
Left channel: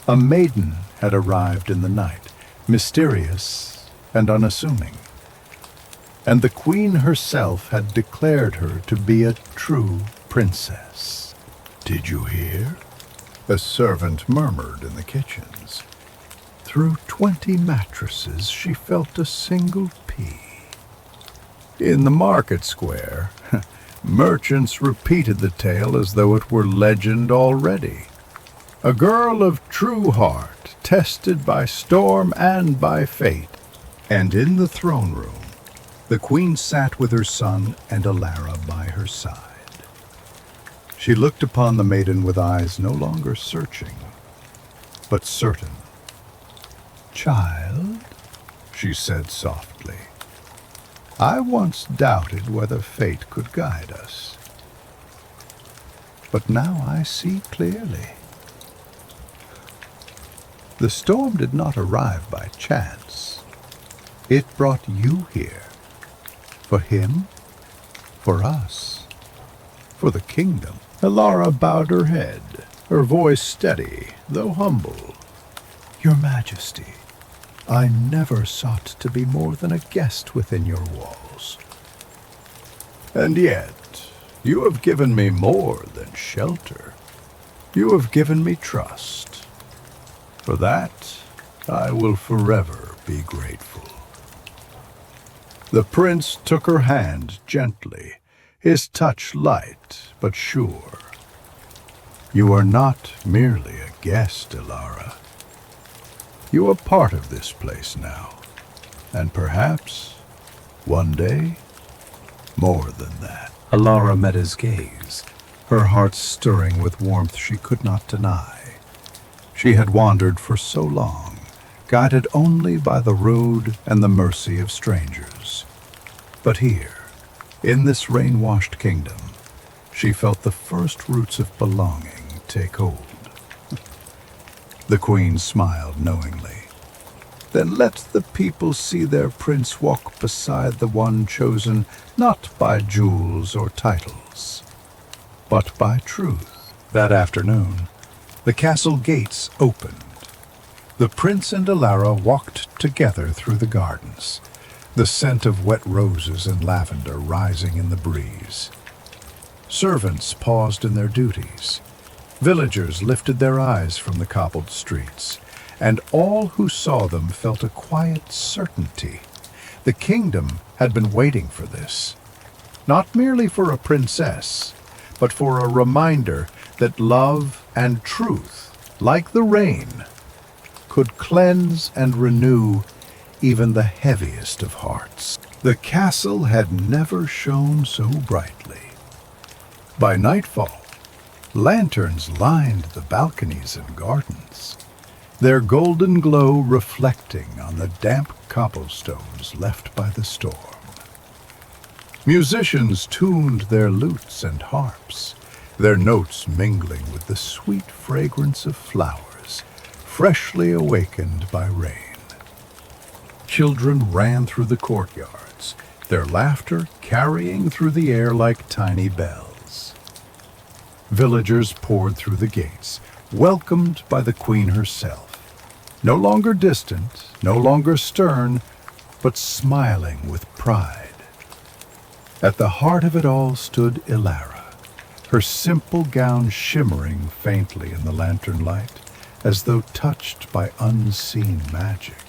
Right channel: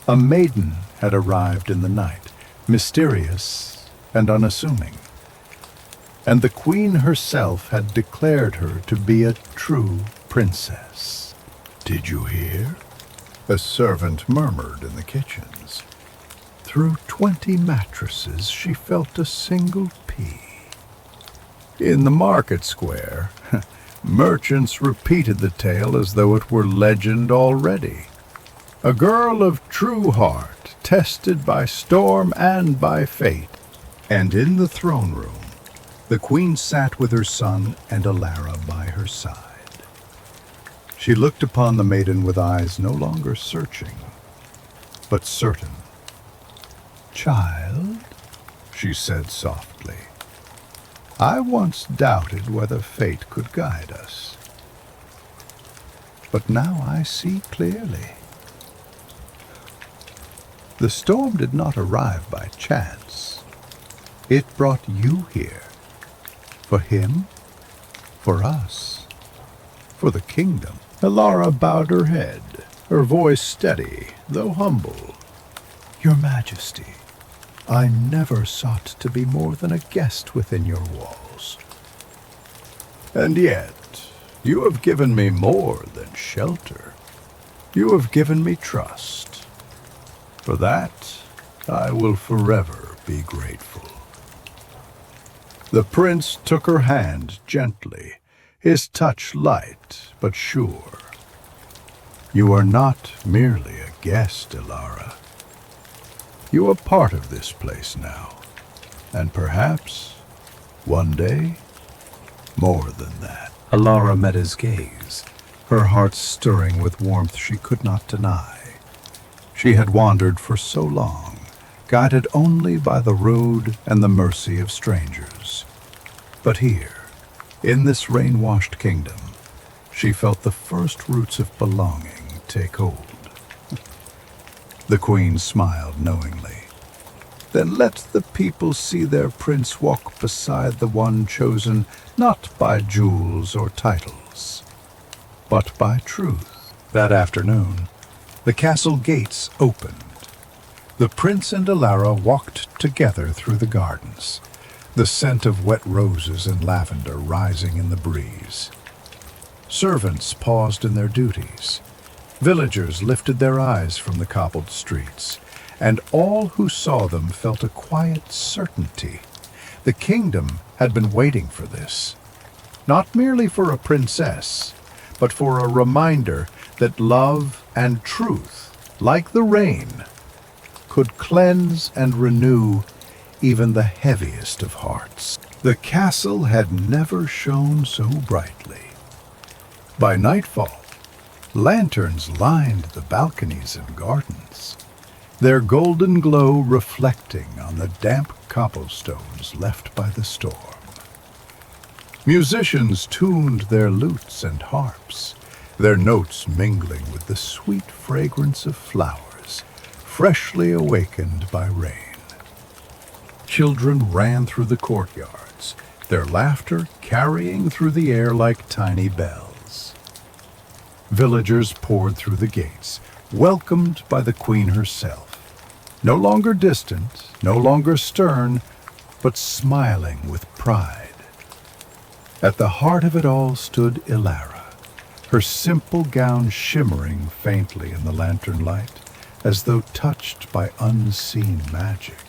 A maiden had arrived in the night, mysterious and unassuming, and the queen herself had declared her to be a true princess. "Did you hear?" a servant murmured in the kitchens. Through 20 mattresses she felt a single pea. In the market square, merchants repeated the tale as though it were legend already. A girl of true heart, tested by storm and by fate. And in the throne room, the queen sat with her son and Elara by her side. She looked upon the maiden with eyes no longer searching, but certain. "Child," she said softly, "I once doubted whether fate could guide us. But now I see clearly. The storm did not arrive by chance. It brought you here. For him, for us, for the kingdom." Elara bowed her head, her voice steady, though humble. "Your Majesty, I never sought to be more than a guest within your walls. And yet, you have given me more than shelter. You have given me trust. For that, I will forever be grateful." The prince took her hand gently, his touch light but sure. "You are not merely a guest, Ilara. You are part of this place now, and perhaps, one day, more than that." Ilara met his gaze, her heart stirring with warmth she could not deny. She had wandered for so long, guided only by the road and the mercy of strangers. But here, in this rain-washed kingdom, she felt the first roots of belonging take hold. The queen smiled knowingly. "Then let the people see their prince walk beside the one chosen not by jewels or titles, but by truth." That afternoon, the castle gates opened. The prince and Ilara walked together through the gardens, the scent of wet roses and lavender rising in the breeze. Servants paused in their duties. Villagers lifted their eyes from the cobbled streets, and all who saw them felt a quiet certainty. The kingdom had been waiting for this, not merely for a princess, but for a reminder that love and truth, like the rain, could cleanse and renew even the heaviest of hearts. The castle had never shone so brightly. By nightfall, lanterns lined the balconies and gardens, their golden glow reflecting on the damp cobblestones left by the storm. Musicians tuned their lutes and harps, their notes mingling with the sweet fragrance of flowers, freshly awakened by rain. Children ran through the courtyards, their laughter carrying through the air like tiny bells. Villagers poured through the gates, welcomed by the queen herself, no longer distant, no longer stern, but smiling with pride. At the heart of it all stood Ilara, her simple gown shimmering faintly in the lantern light, as though touched by unseen magic.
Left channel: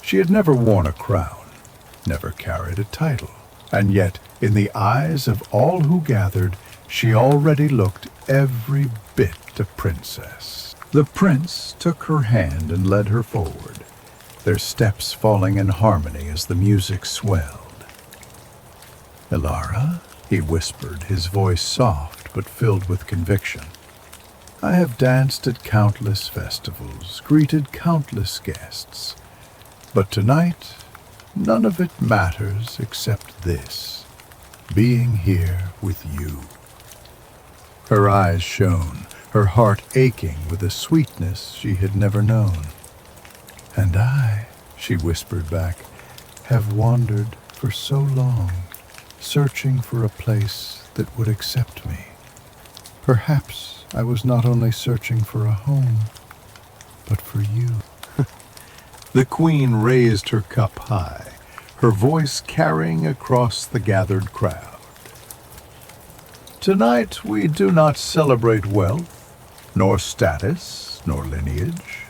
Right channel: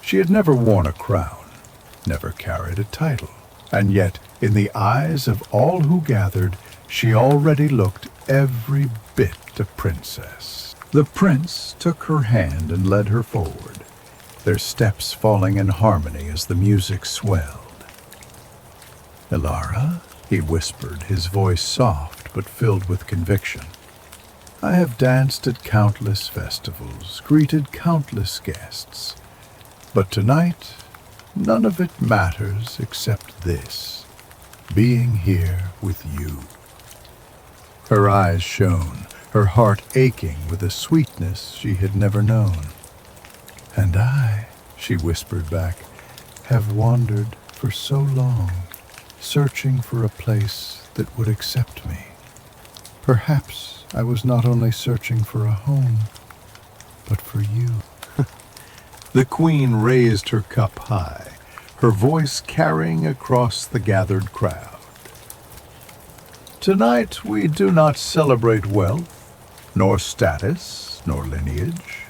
She had never worn a crown, never carried a title, and yet, in the eyes of all who gathered, she already looked every bit a princess. The prince took her hand and led her forward, their steps falling in harmony as the music swelled. "Ilara," he whispered, his voice soft but filled with conviction, "I have danced at countless festivals, greeted countless guests, but tonight none of it matters except this, being here with you." Her eyes shone, her heart aching with a sweetness she had never known. "And I," she whispered back, "have wandered for so long, searching for a place that would accept me. Perhaps I was not only searching for a home, but for you." The queen raised her cup high, her voice carrying across the gathered crowd. "Tonight we do not celebrate wealth, nor status, nor lineage.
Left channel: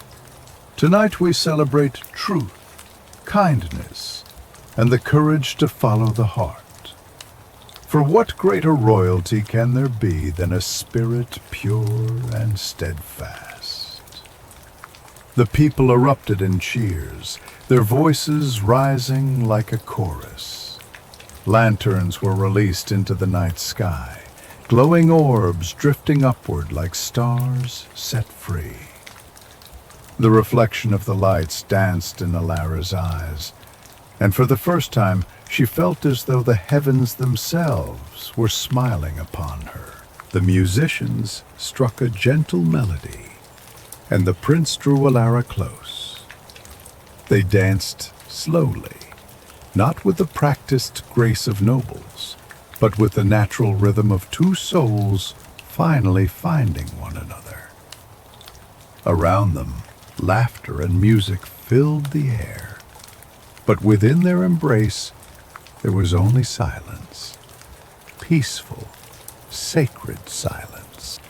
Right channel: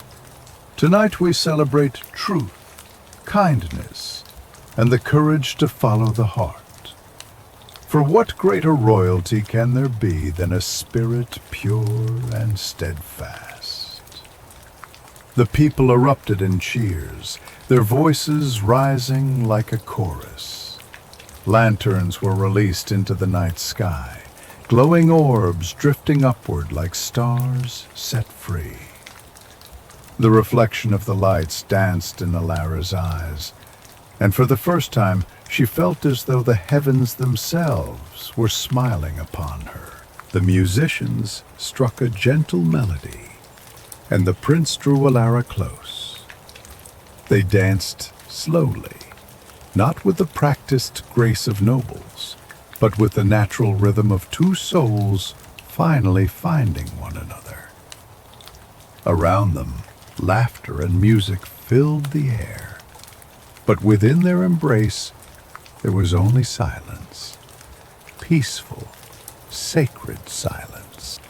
Tonight we celebrate truth, kindness, and the courage to follow the heart. For what greater royalty can there be than a spirit pure and steadfast?" The people erupted in cheers, their voices rising like a chorus. Lanterns were released into the night sky, glowing orbs drifting upward like stars set free. The reflection of the lights danced in Ilara's eyes, and for the first time she felt as though the heavens themselves were smiling upon her. The musicians struck a gentle melody, and the prince drew Ilara close. They danced slowly, not with the practiced grace of nobles, but with the natural rhythm of two souls finally finding one another. Around them, Laughter and music filled the air, but within their embrace there was only silence. Peaceful, sacred silence.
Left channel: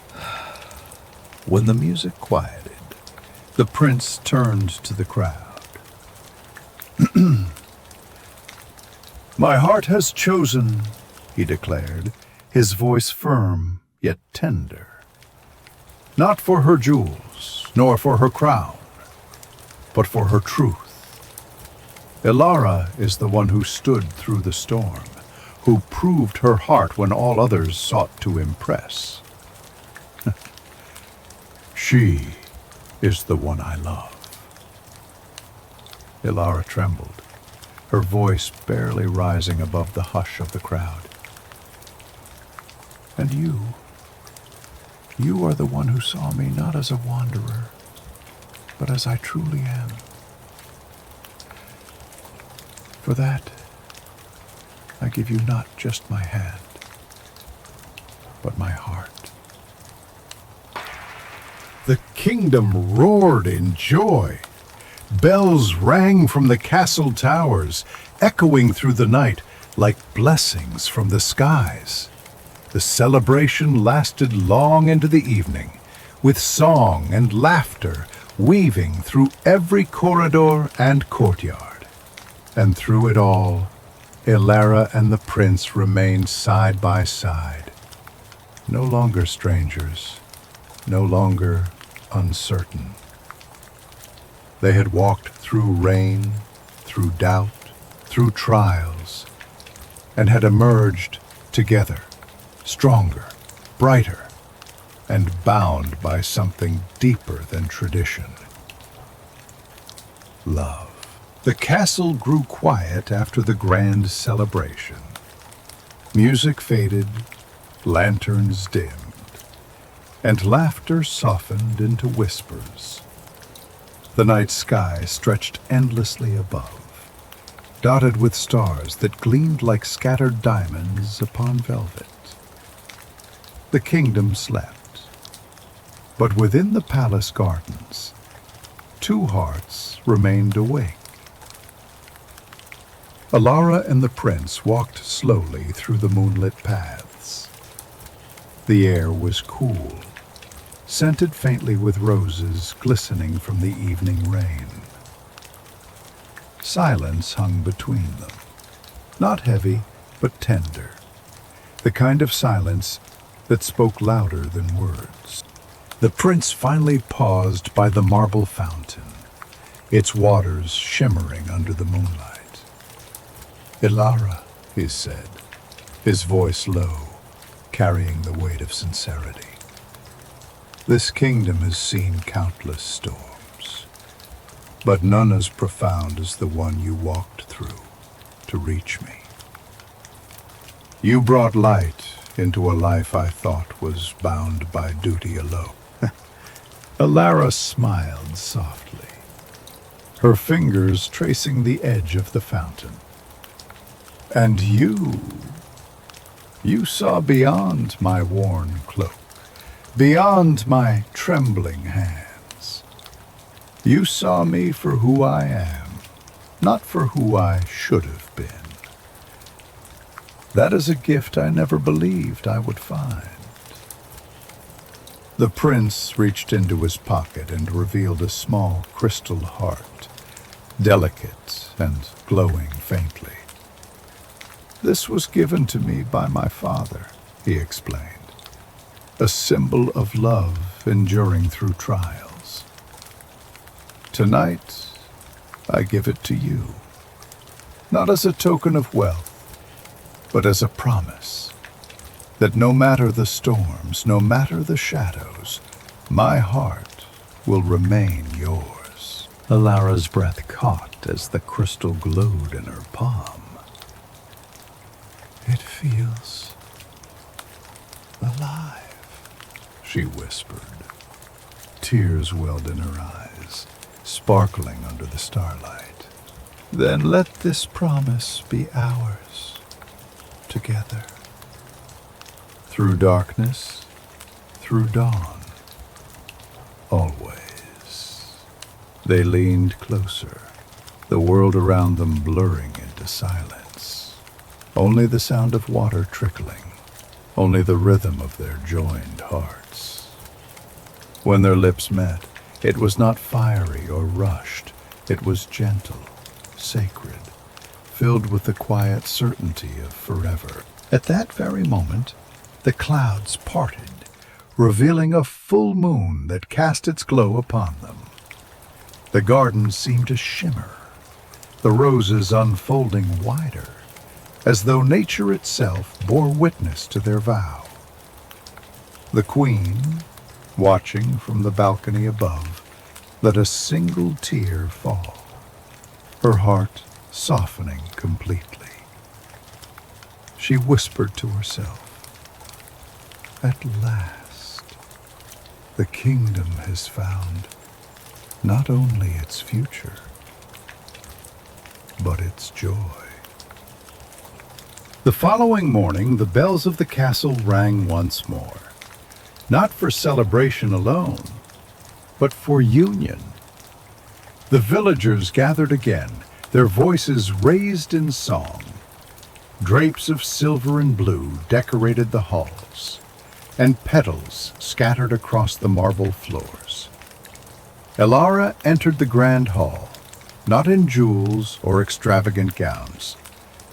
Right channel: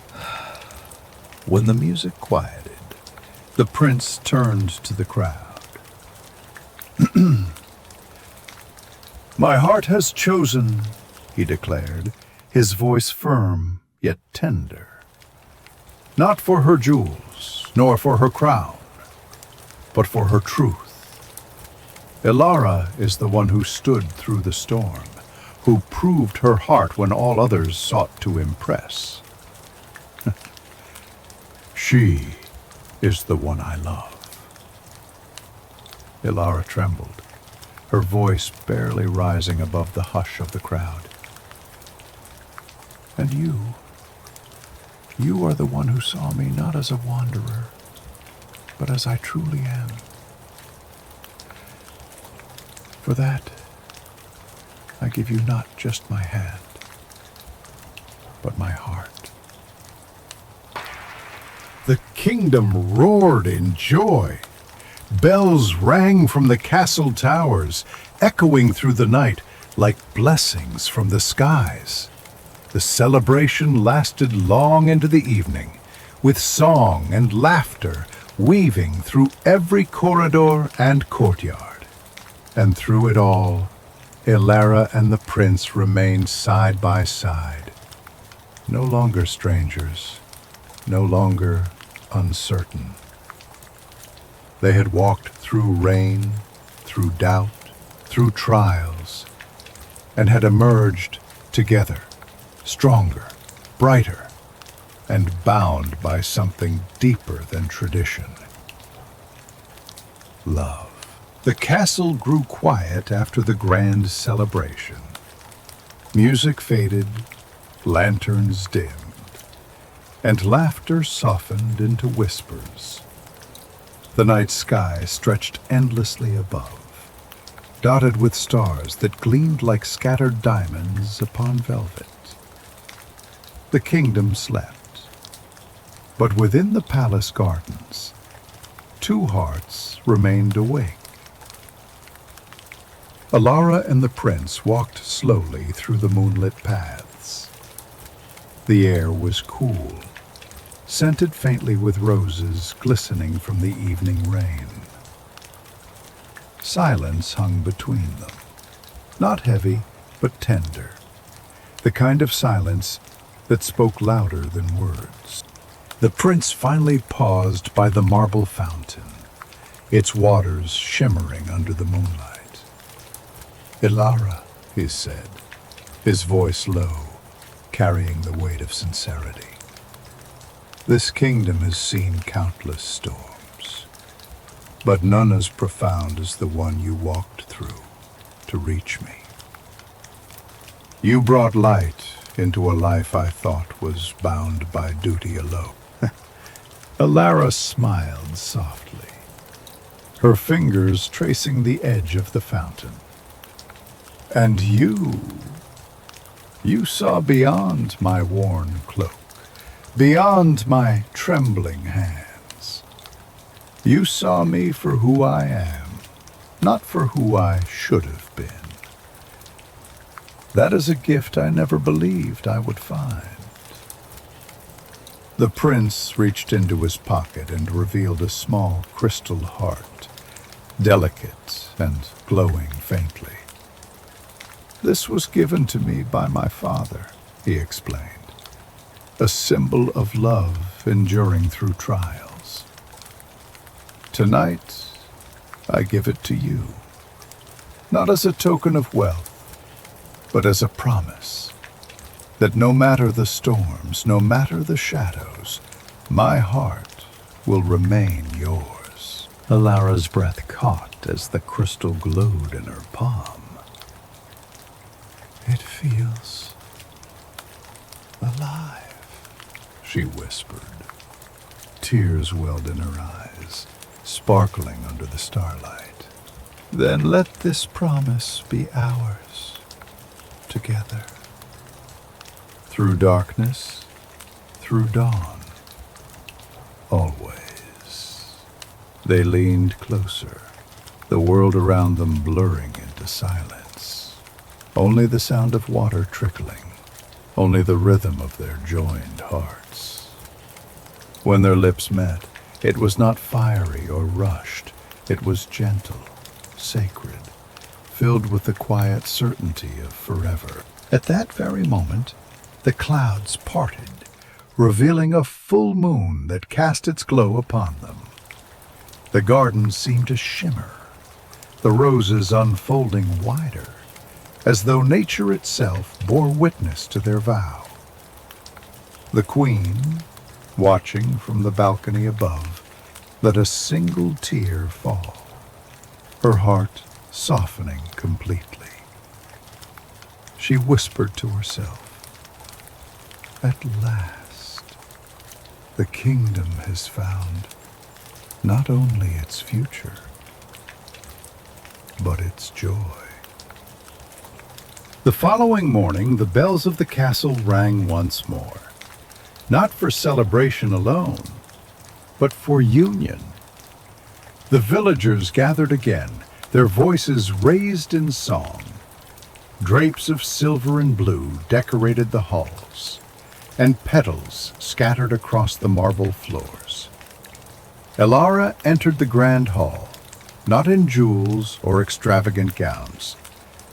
When the music quieted, the prince turned to the crowd. "My heart has chosen," he declared, his voice firm yet tender. "Not for her jewels, nor for her crown, but for her truth. Elara is the one who stood through the storm, who proved her heart when all others sought to impress. She is the one I love." Elara trembled, her voice barely rising above the hush of the crowd. "And you are the one who saw me not as a wanderer, but as I truly am. For that, I give you not just my hand, but my heart." The kingdom roared in joy. Bells rang from the castle towers, echoing through the night like blessings from the skies. The celebration lasted long into the evening, with song and laughter weaving through every corridor and courtyard. And through it all, Elara and the prince remained side by side, no longer strangers, no longer uncertain. They had walked through rain, through doubt, through trials, and had emerged together, stronger, brighter, and bound by something deeper than tradition. Love. The castle grew quiet after the grand celebration. Music faded, lanterns dimmed, and laughter softened into whispers. The night sky stretched endlessly above, dotted with stars that gleamed like scattered diamonds upon velvet. The kingdom slept, but within the palace gardens, two hearts remained awake. Elara and the prince walked slowly through the moonlit paths. The air was cool, scented faintly with roses glistening from the evening rain. Silence hung between them, not heavy, but tender, the kind of silence that spoke louder than words. The prince finally paused by the marble fountain, its waters shimmering under the moonlight. "Elara," he said, his voice low, carrying the weight of sincerity. "This kingdom has seen countless storms, but none as profound as the one you walked through to reach me. You brought light into a life I thought was bound by duty alone." Elara smiled softly, her fingers tracing the edge of the fountain. "And you saw beyond my worn cloak, beyond my trembling hands. You saw me for who I am, not for who I should have been. That is a gift I never believed I would find." The prince reached into his pocket and revealed a small crystal heart, delicate and glowing faintly. "This was given to me by my father," he explained, "a symbol of love enduring through trials. Tonight, I give it to you, not as a token of wealth, but as a promise that no matter the storms, no matter the shadows, my heart will remain yours." Elara's breath caught as the crystal glowed in her palm. "It feels alive," she whispered. Tears welled in her eyes, sparkling under the starlight. "Then let this promise be ours, together. Through darkness, through dawn, always." They leaned closer, the world around them blurring into silence. Only the sound of water trickling, only the rhythm of their joined hearts. When their lips met, it was not fiery or rushed. It was gentle, sacred, filled with the quiet certainty of forever. At that very moment, the clouds parted, revealing a full moon that cast its glow upon them. The garden seemed to shimmer, the roses unfolding wider, as though nature itself bore witness to their vow. The queen, watching from the balcony above, let a single tear fall, her heart softening completely. She whispered to herself, "At last, the kingdom has found not only its future, but its joy." The following morning, the bells of the castle rang once more, not for celebration alone, but for union. The villagers gathered again, their voices raised in song. Drapes of silver and blue decorated the halls, and petals scattered across the marble floors. Elara entered the grand hall, not in jewels or extravagant gowns,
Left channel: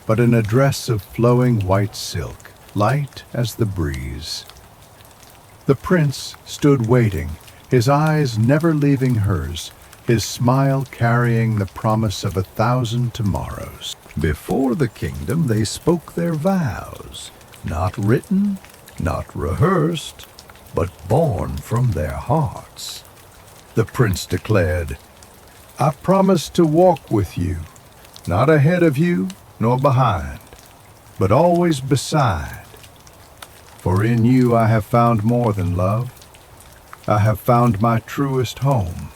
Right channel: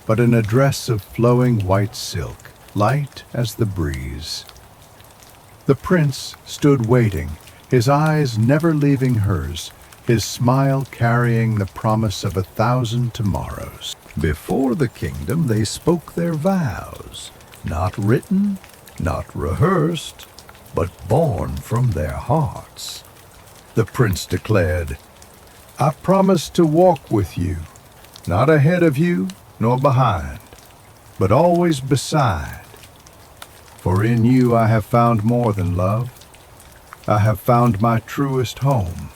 but in a dress of flowing white silk, light as the breeze. The prince stood waiting, his eyes never leaving hers, his smile carrying the promise of 1,000 tomorrows. Before the kingdom they spoke their vows, not written, not rehearsed, but born from their hearts. The prince declared, "I promise to walk with you, not ahead of you nor behind, but always beside. For in you I have found more than love. I have found my truest home."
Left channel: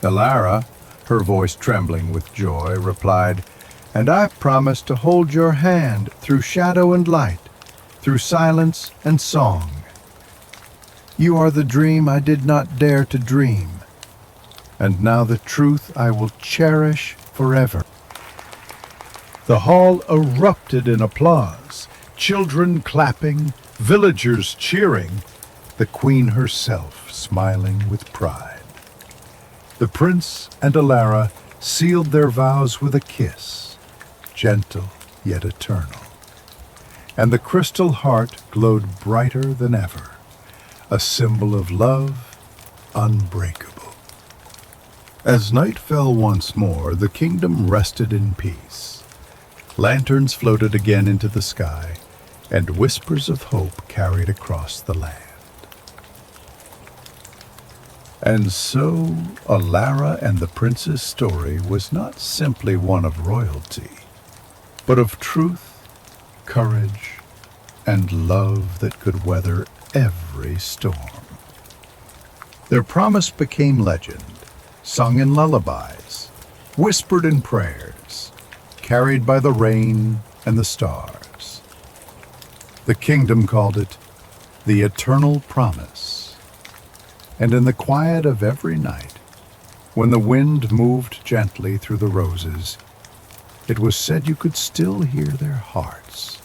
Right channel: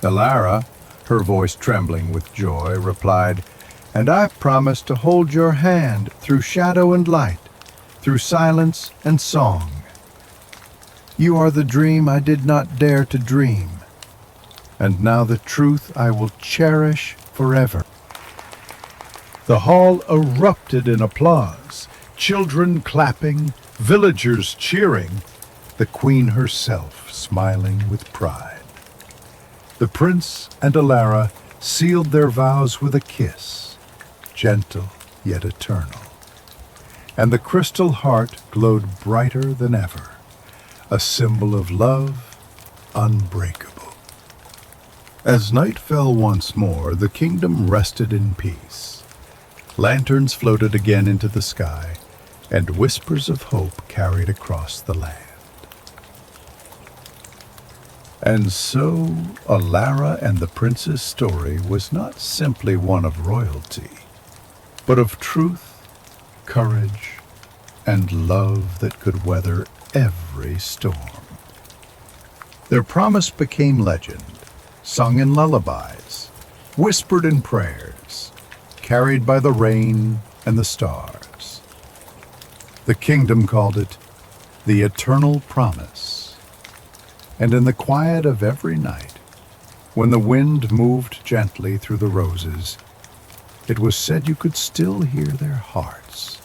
Elara, her voice trembling with joy, replied, "And I promise to hold your hand through shadow and light, through silence and song. You are the dream I did not dare to dream, and now the truth I will cherish forever." The hall erupted in applause, children clapping, villagers cheering, the queen herself smiling with pride. The prince and Elara sealed their vows with a kiss, gentle yet eternal, and the crystal heart glowed brighter than ever, a symbol of love unbreakable. As night fell once more, the kingdom rested in peace. Lanterns floated again into the sky, and whispers of hope carried across the land. And so, Elara and the prince's story was not simply one of royalty, but of truth, courage, and love that could weather every storm. Their promise became legend, sung in lullabies, whispered in prayers, carried by the rain and the stars. The kingdom called it the Eternal Promise. And in the quiet of every night, when the wind moved gently through the roses, it was said you could still hear their hearts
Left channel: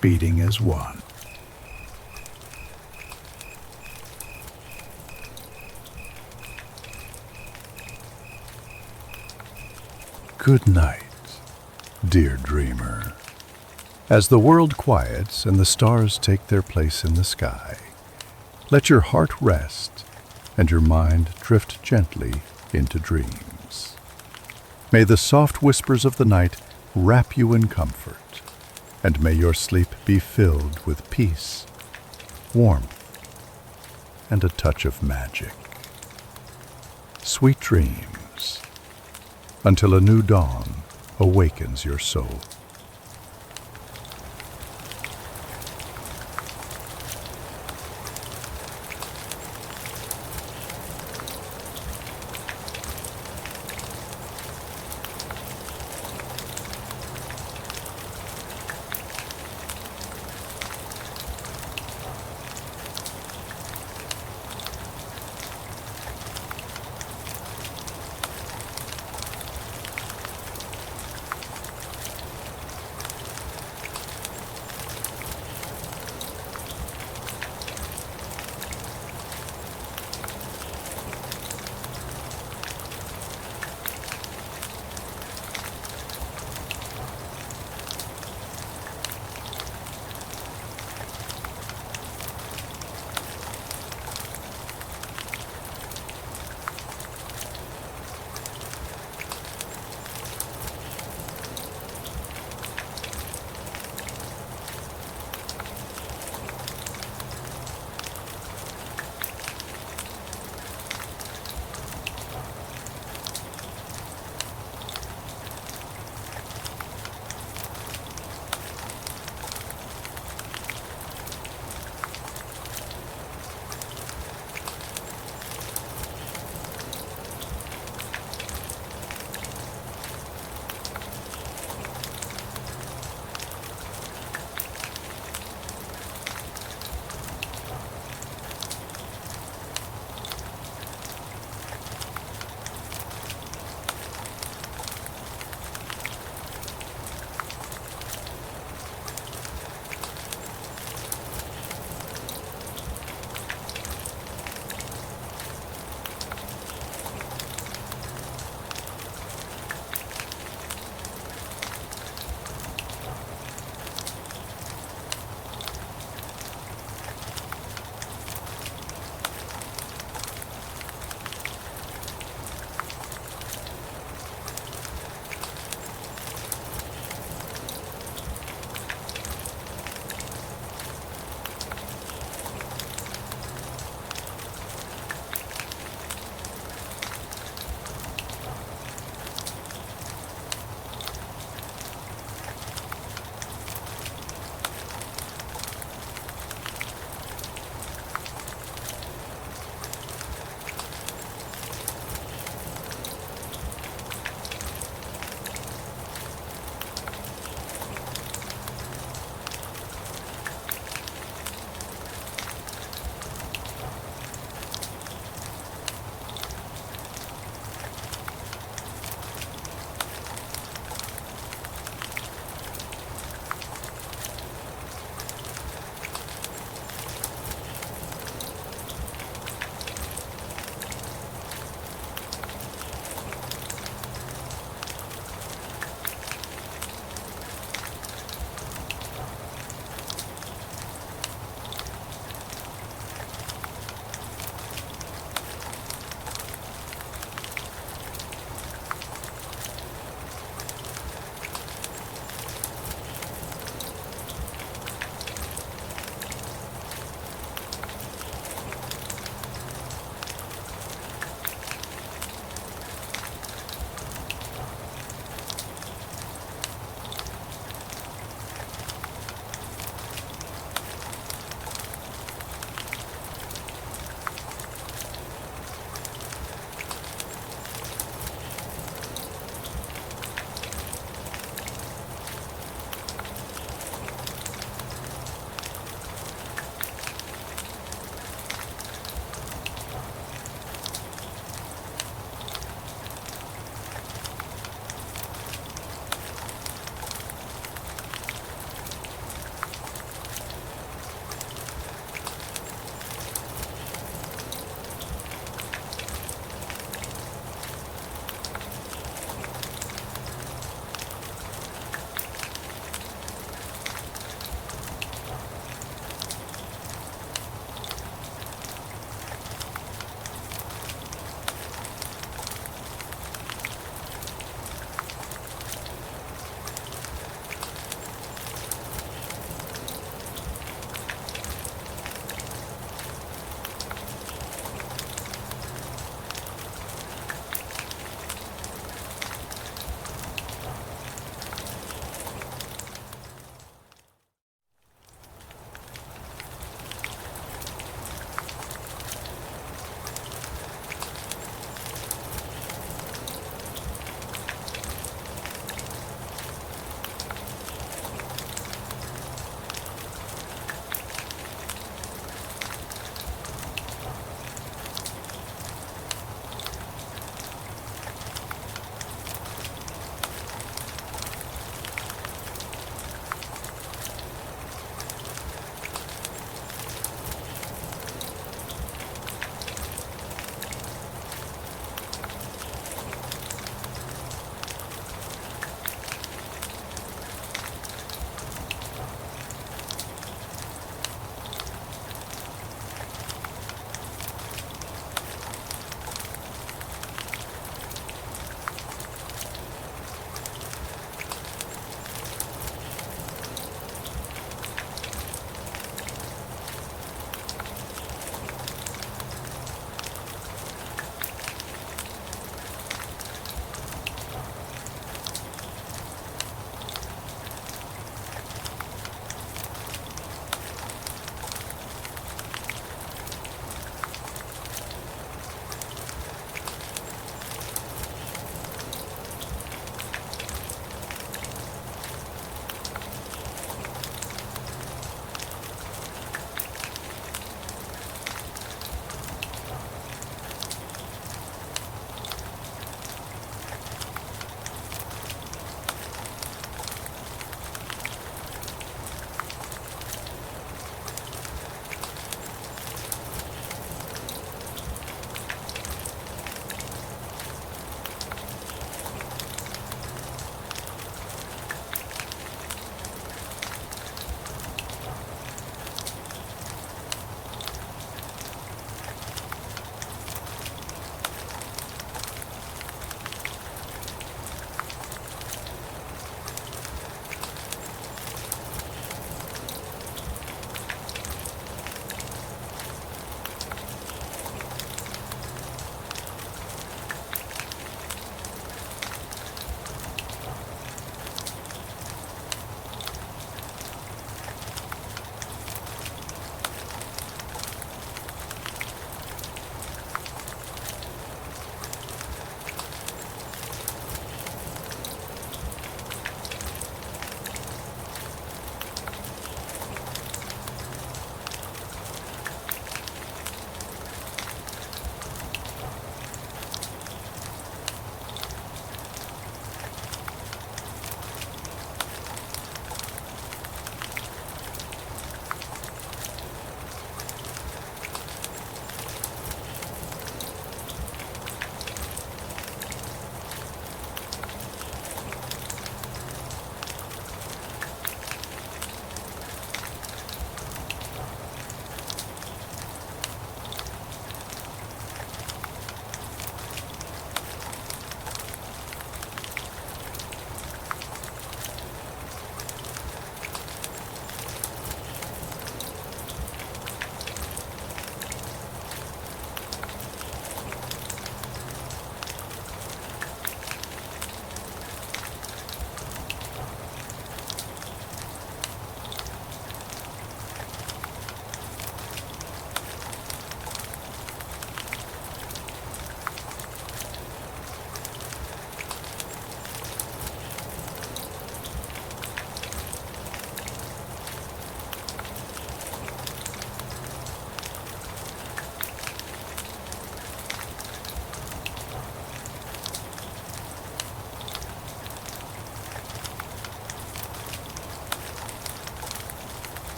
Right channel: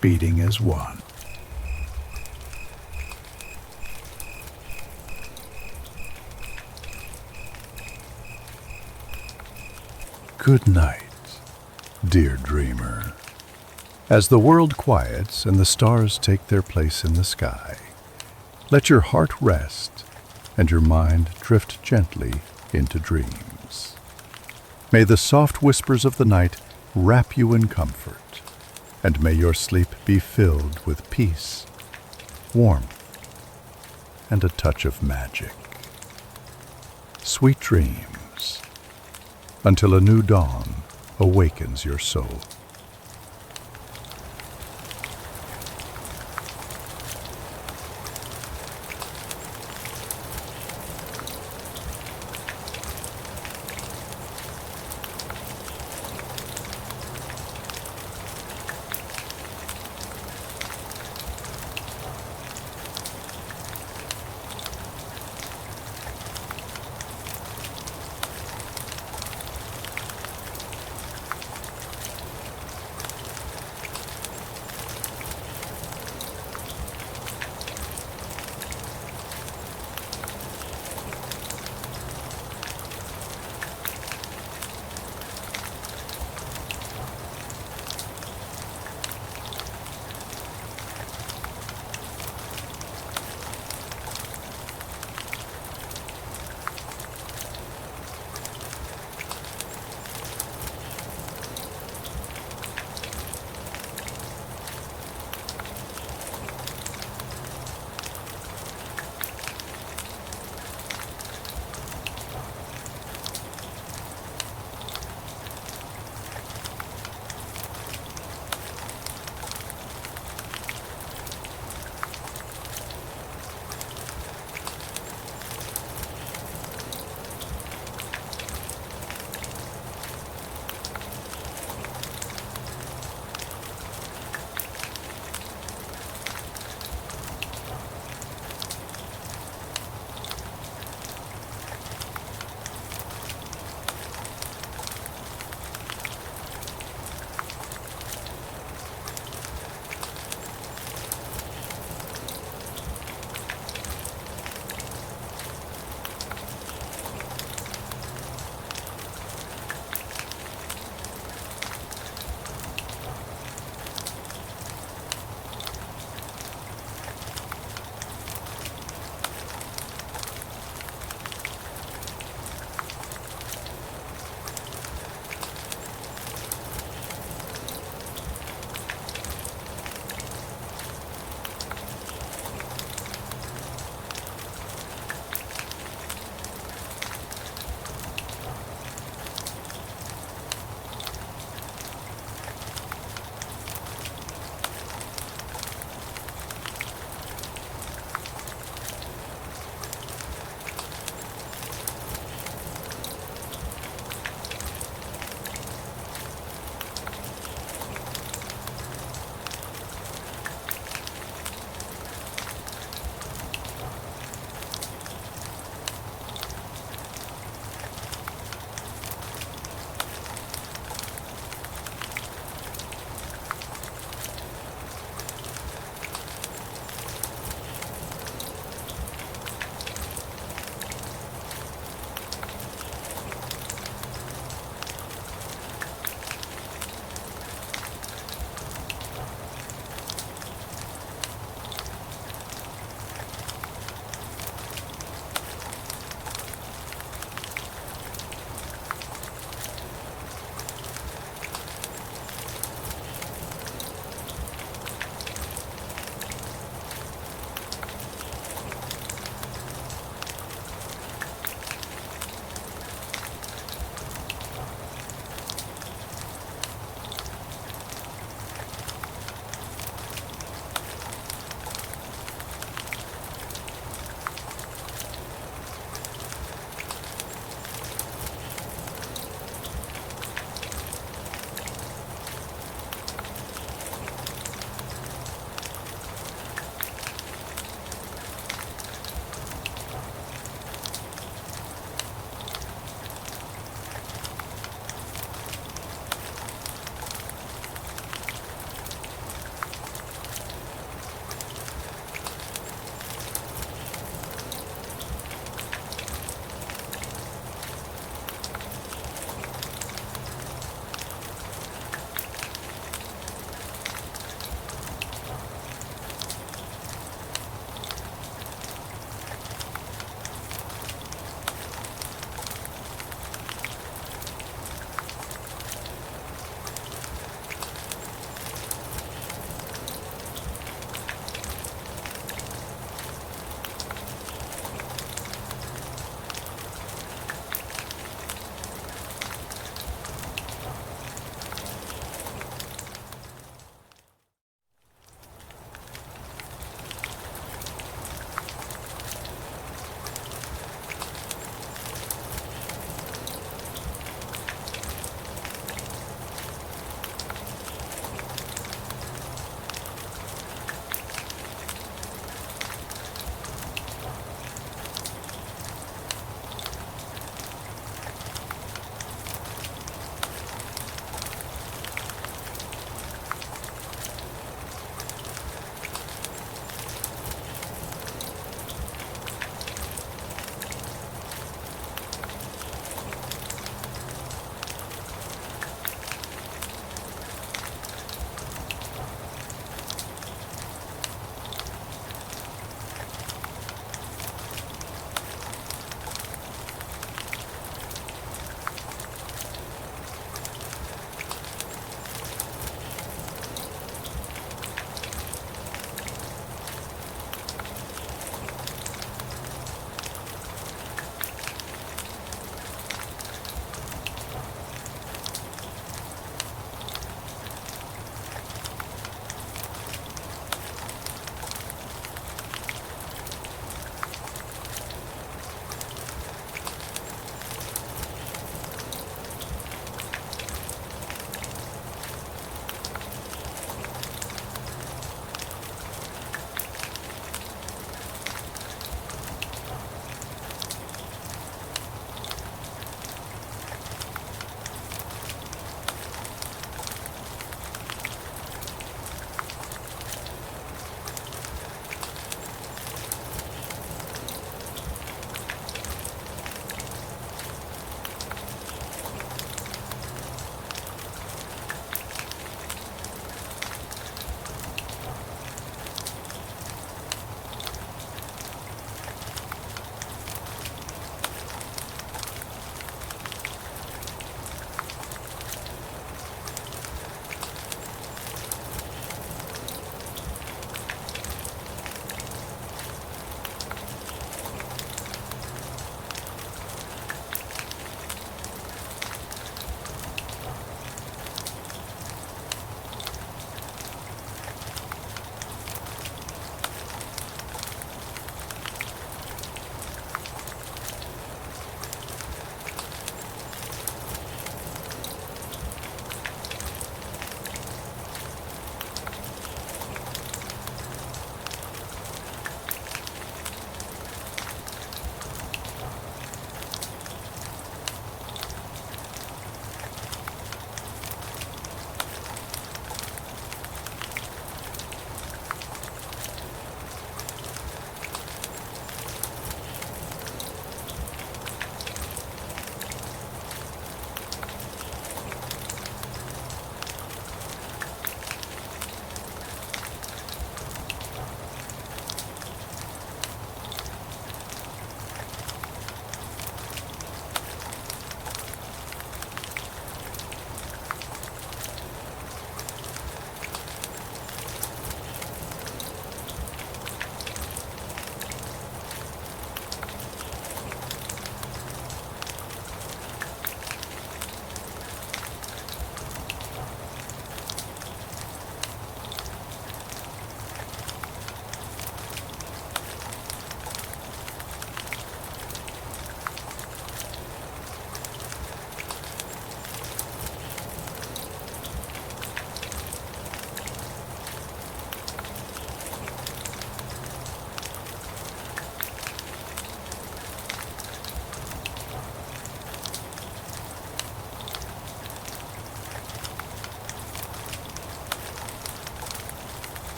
beating as one. Good night, dear dreamer. As the world quiets and the stars take their place in the sky, let your heart rest and your mind drift gently into dreams. May the soft whispers of the night wrap you in comfort, and may your sleep be filled with peace, warmth, and a touch of magic. Sweet dreams, until a new dawn awakens your soul.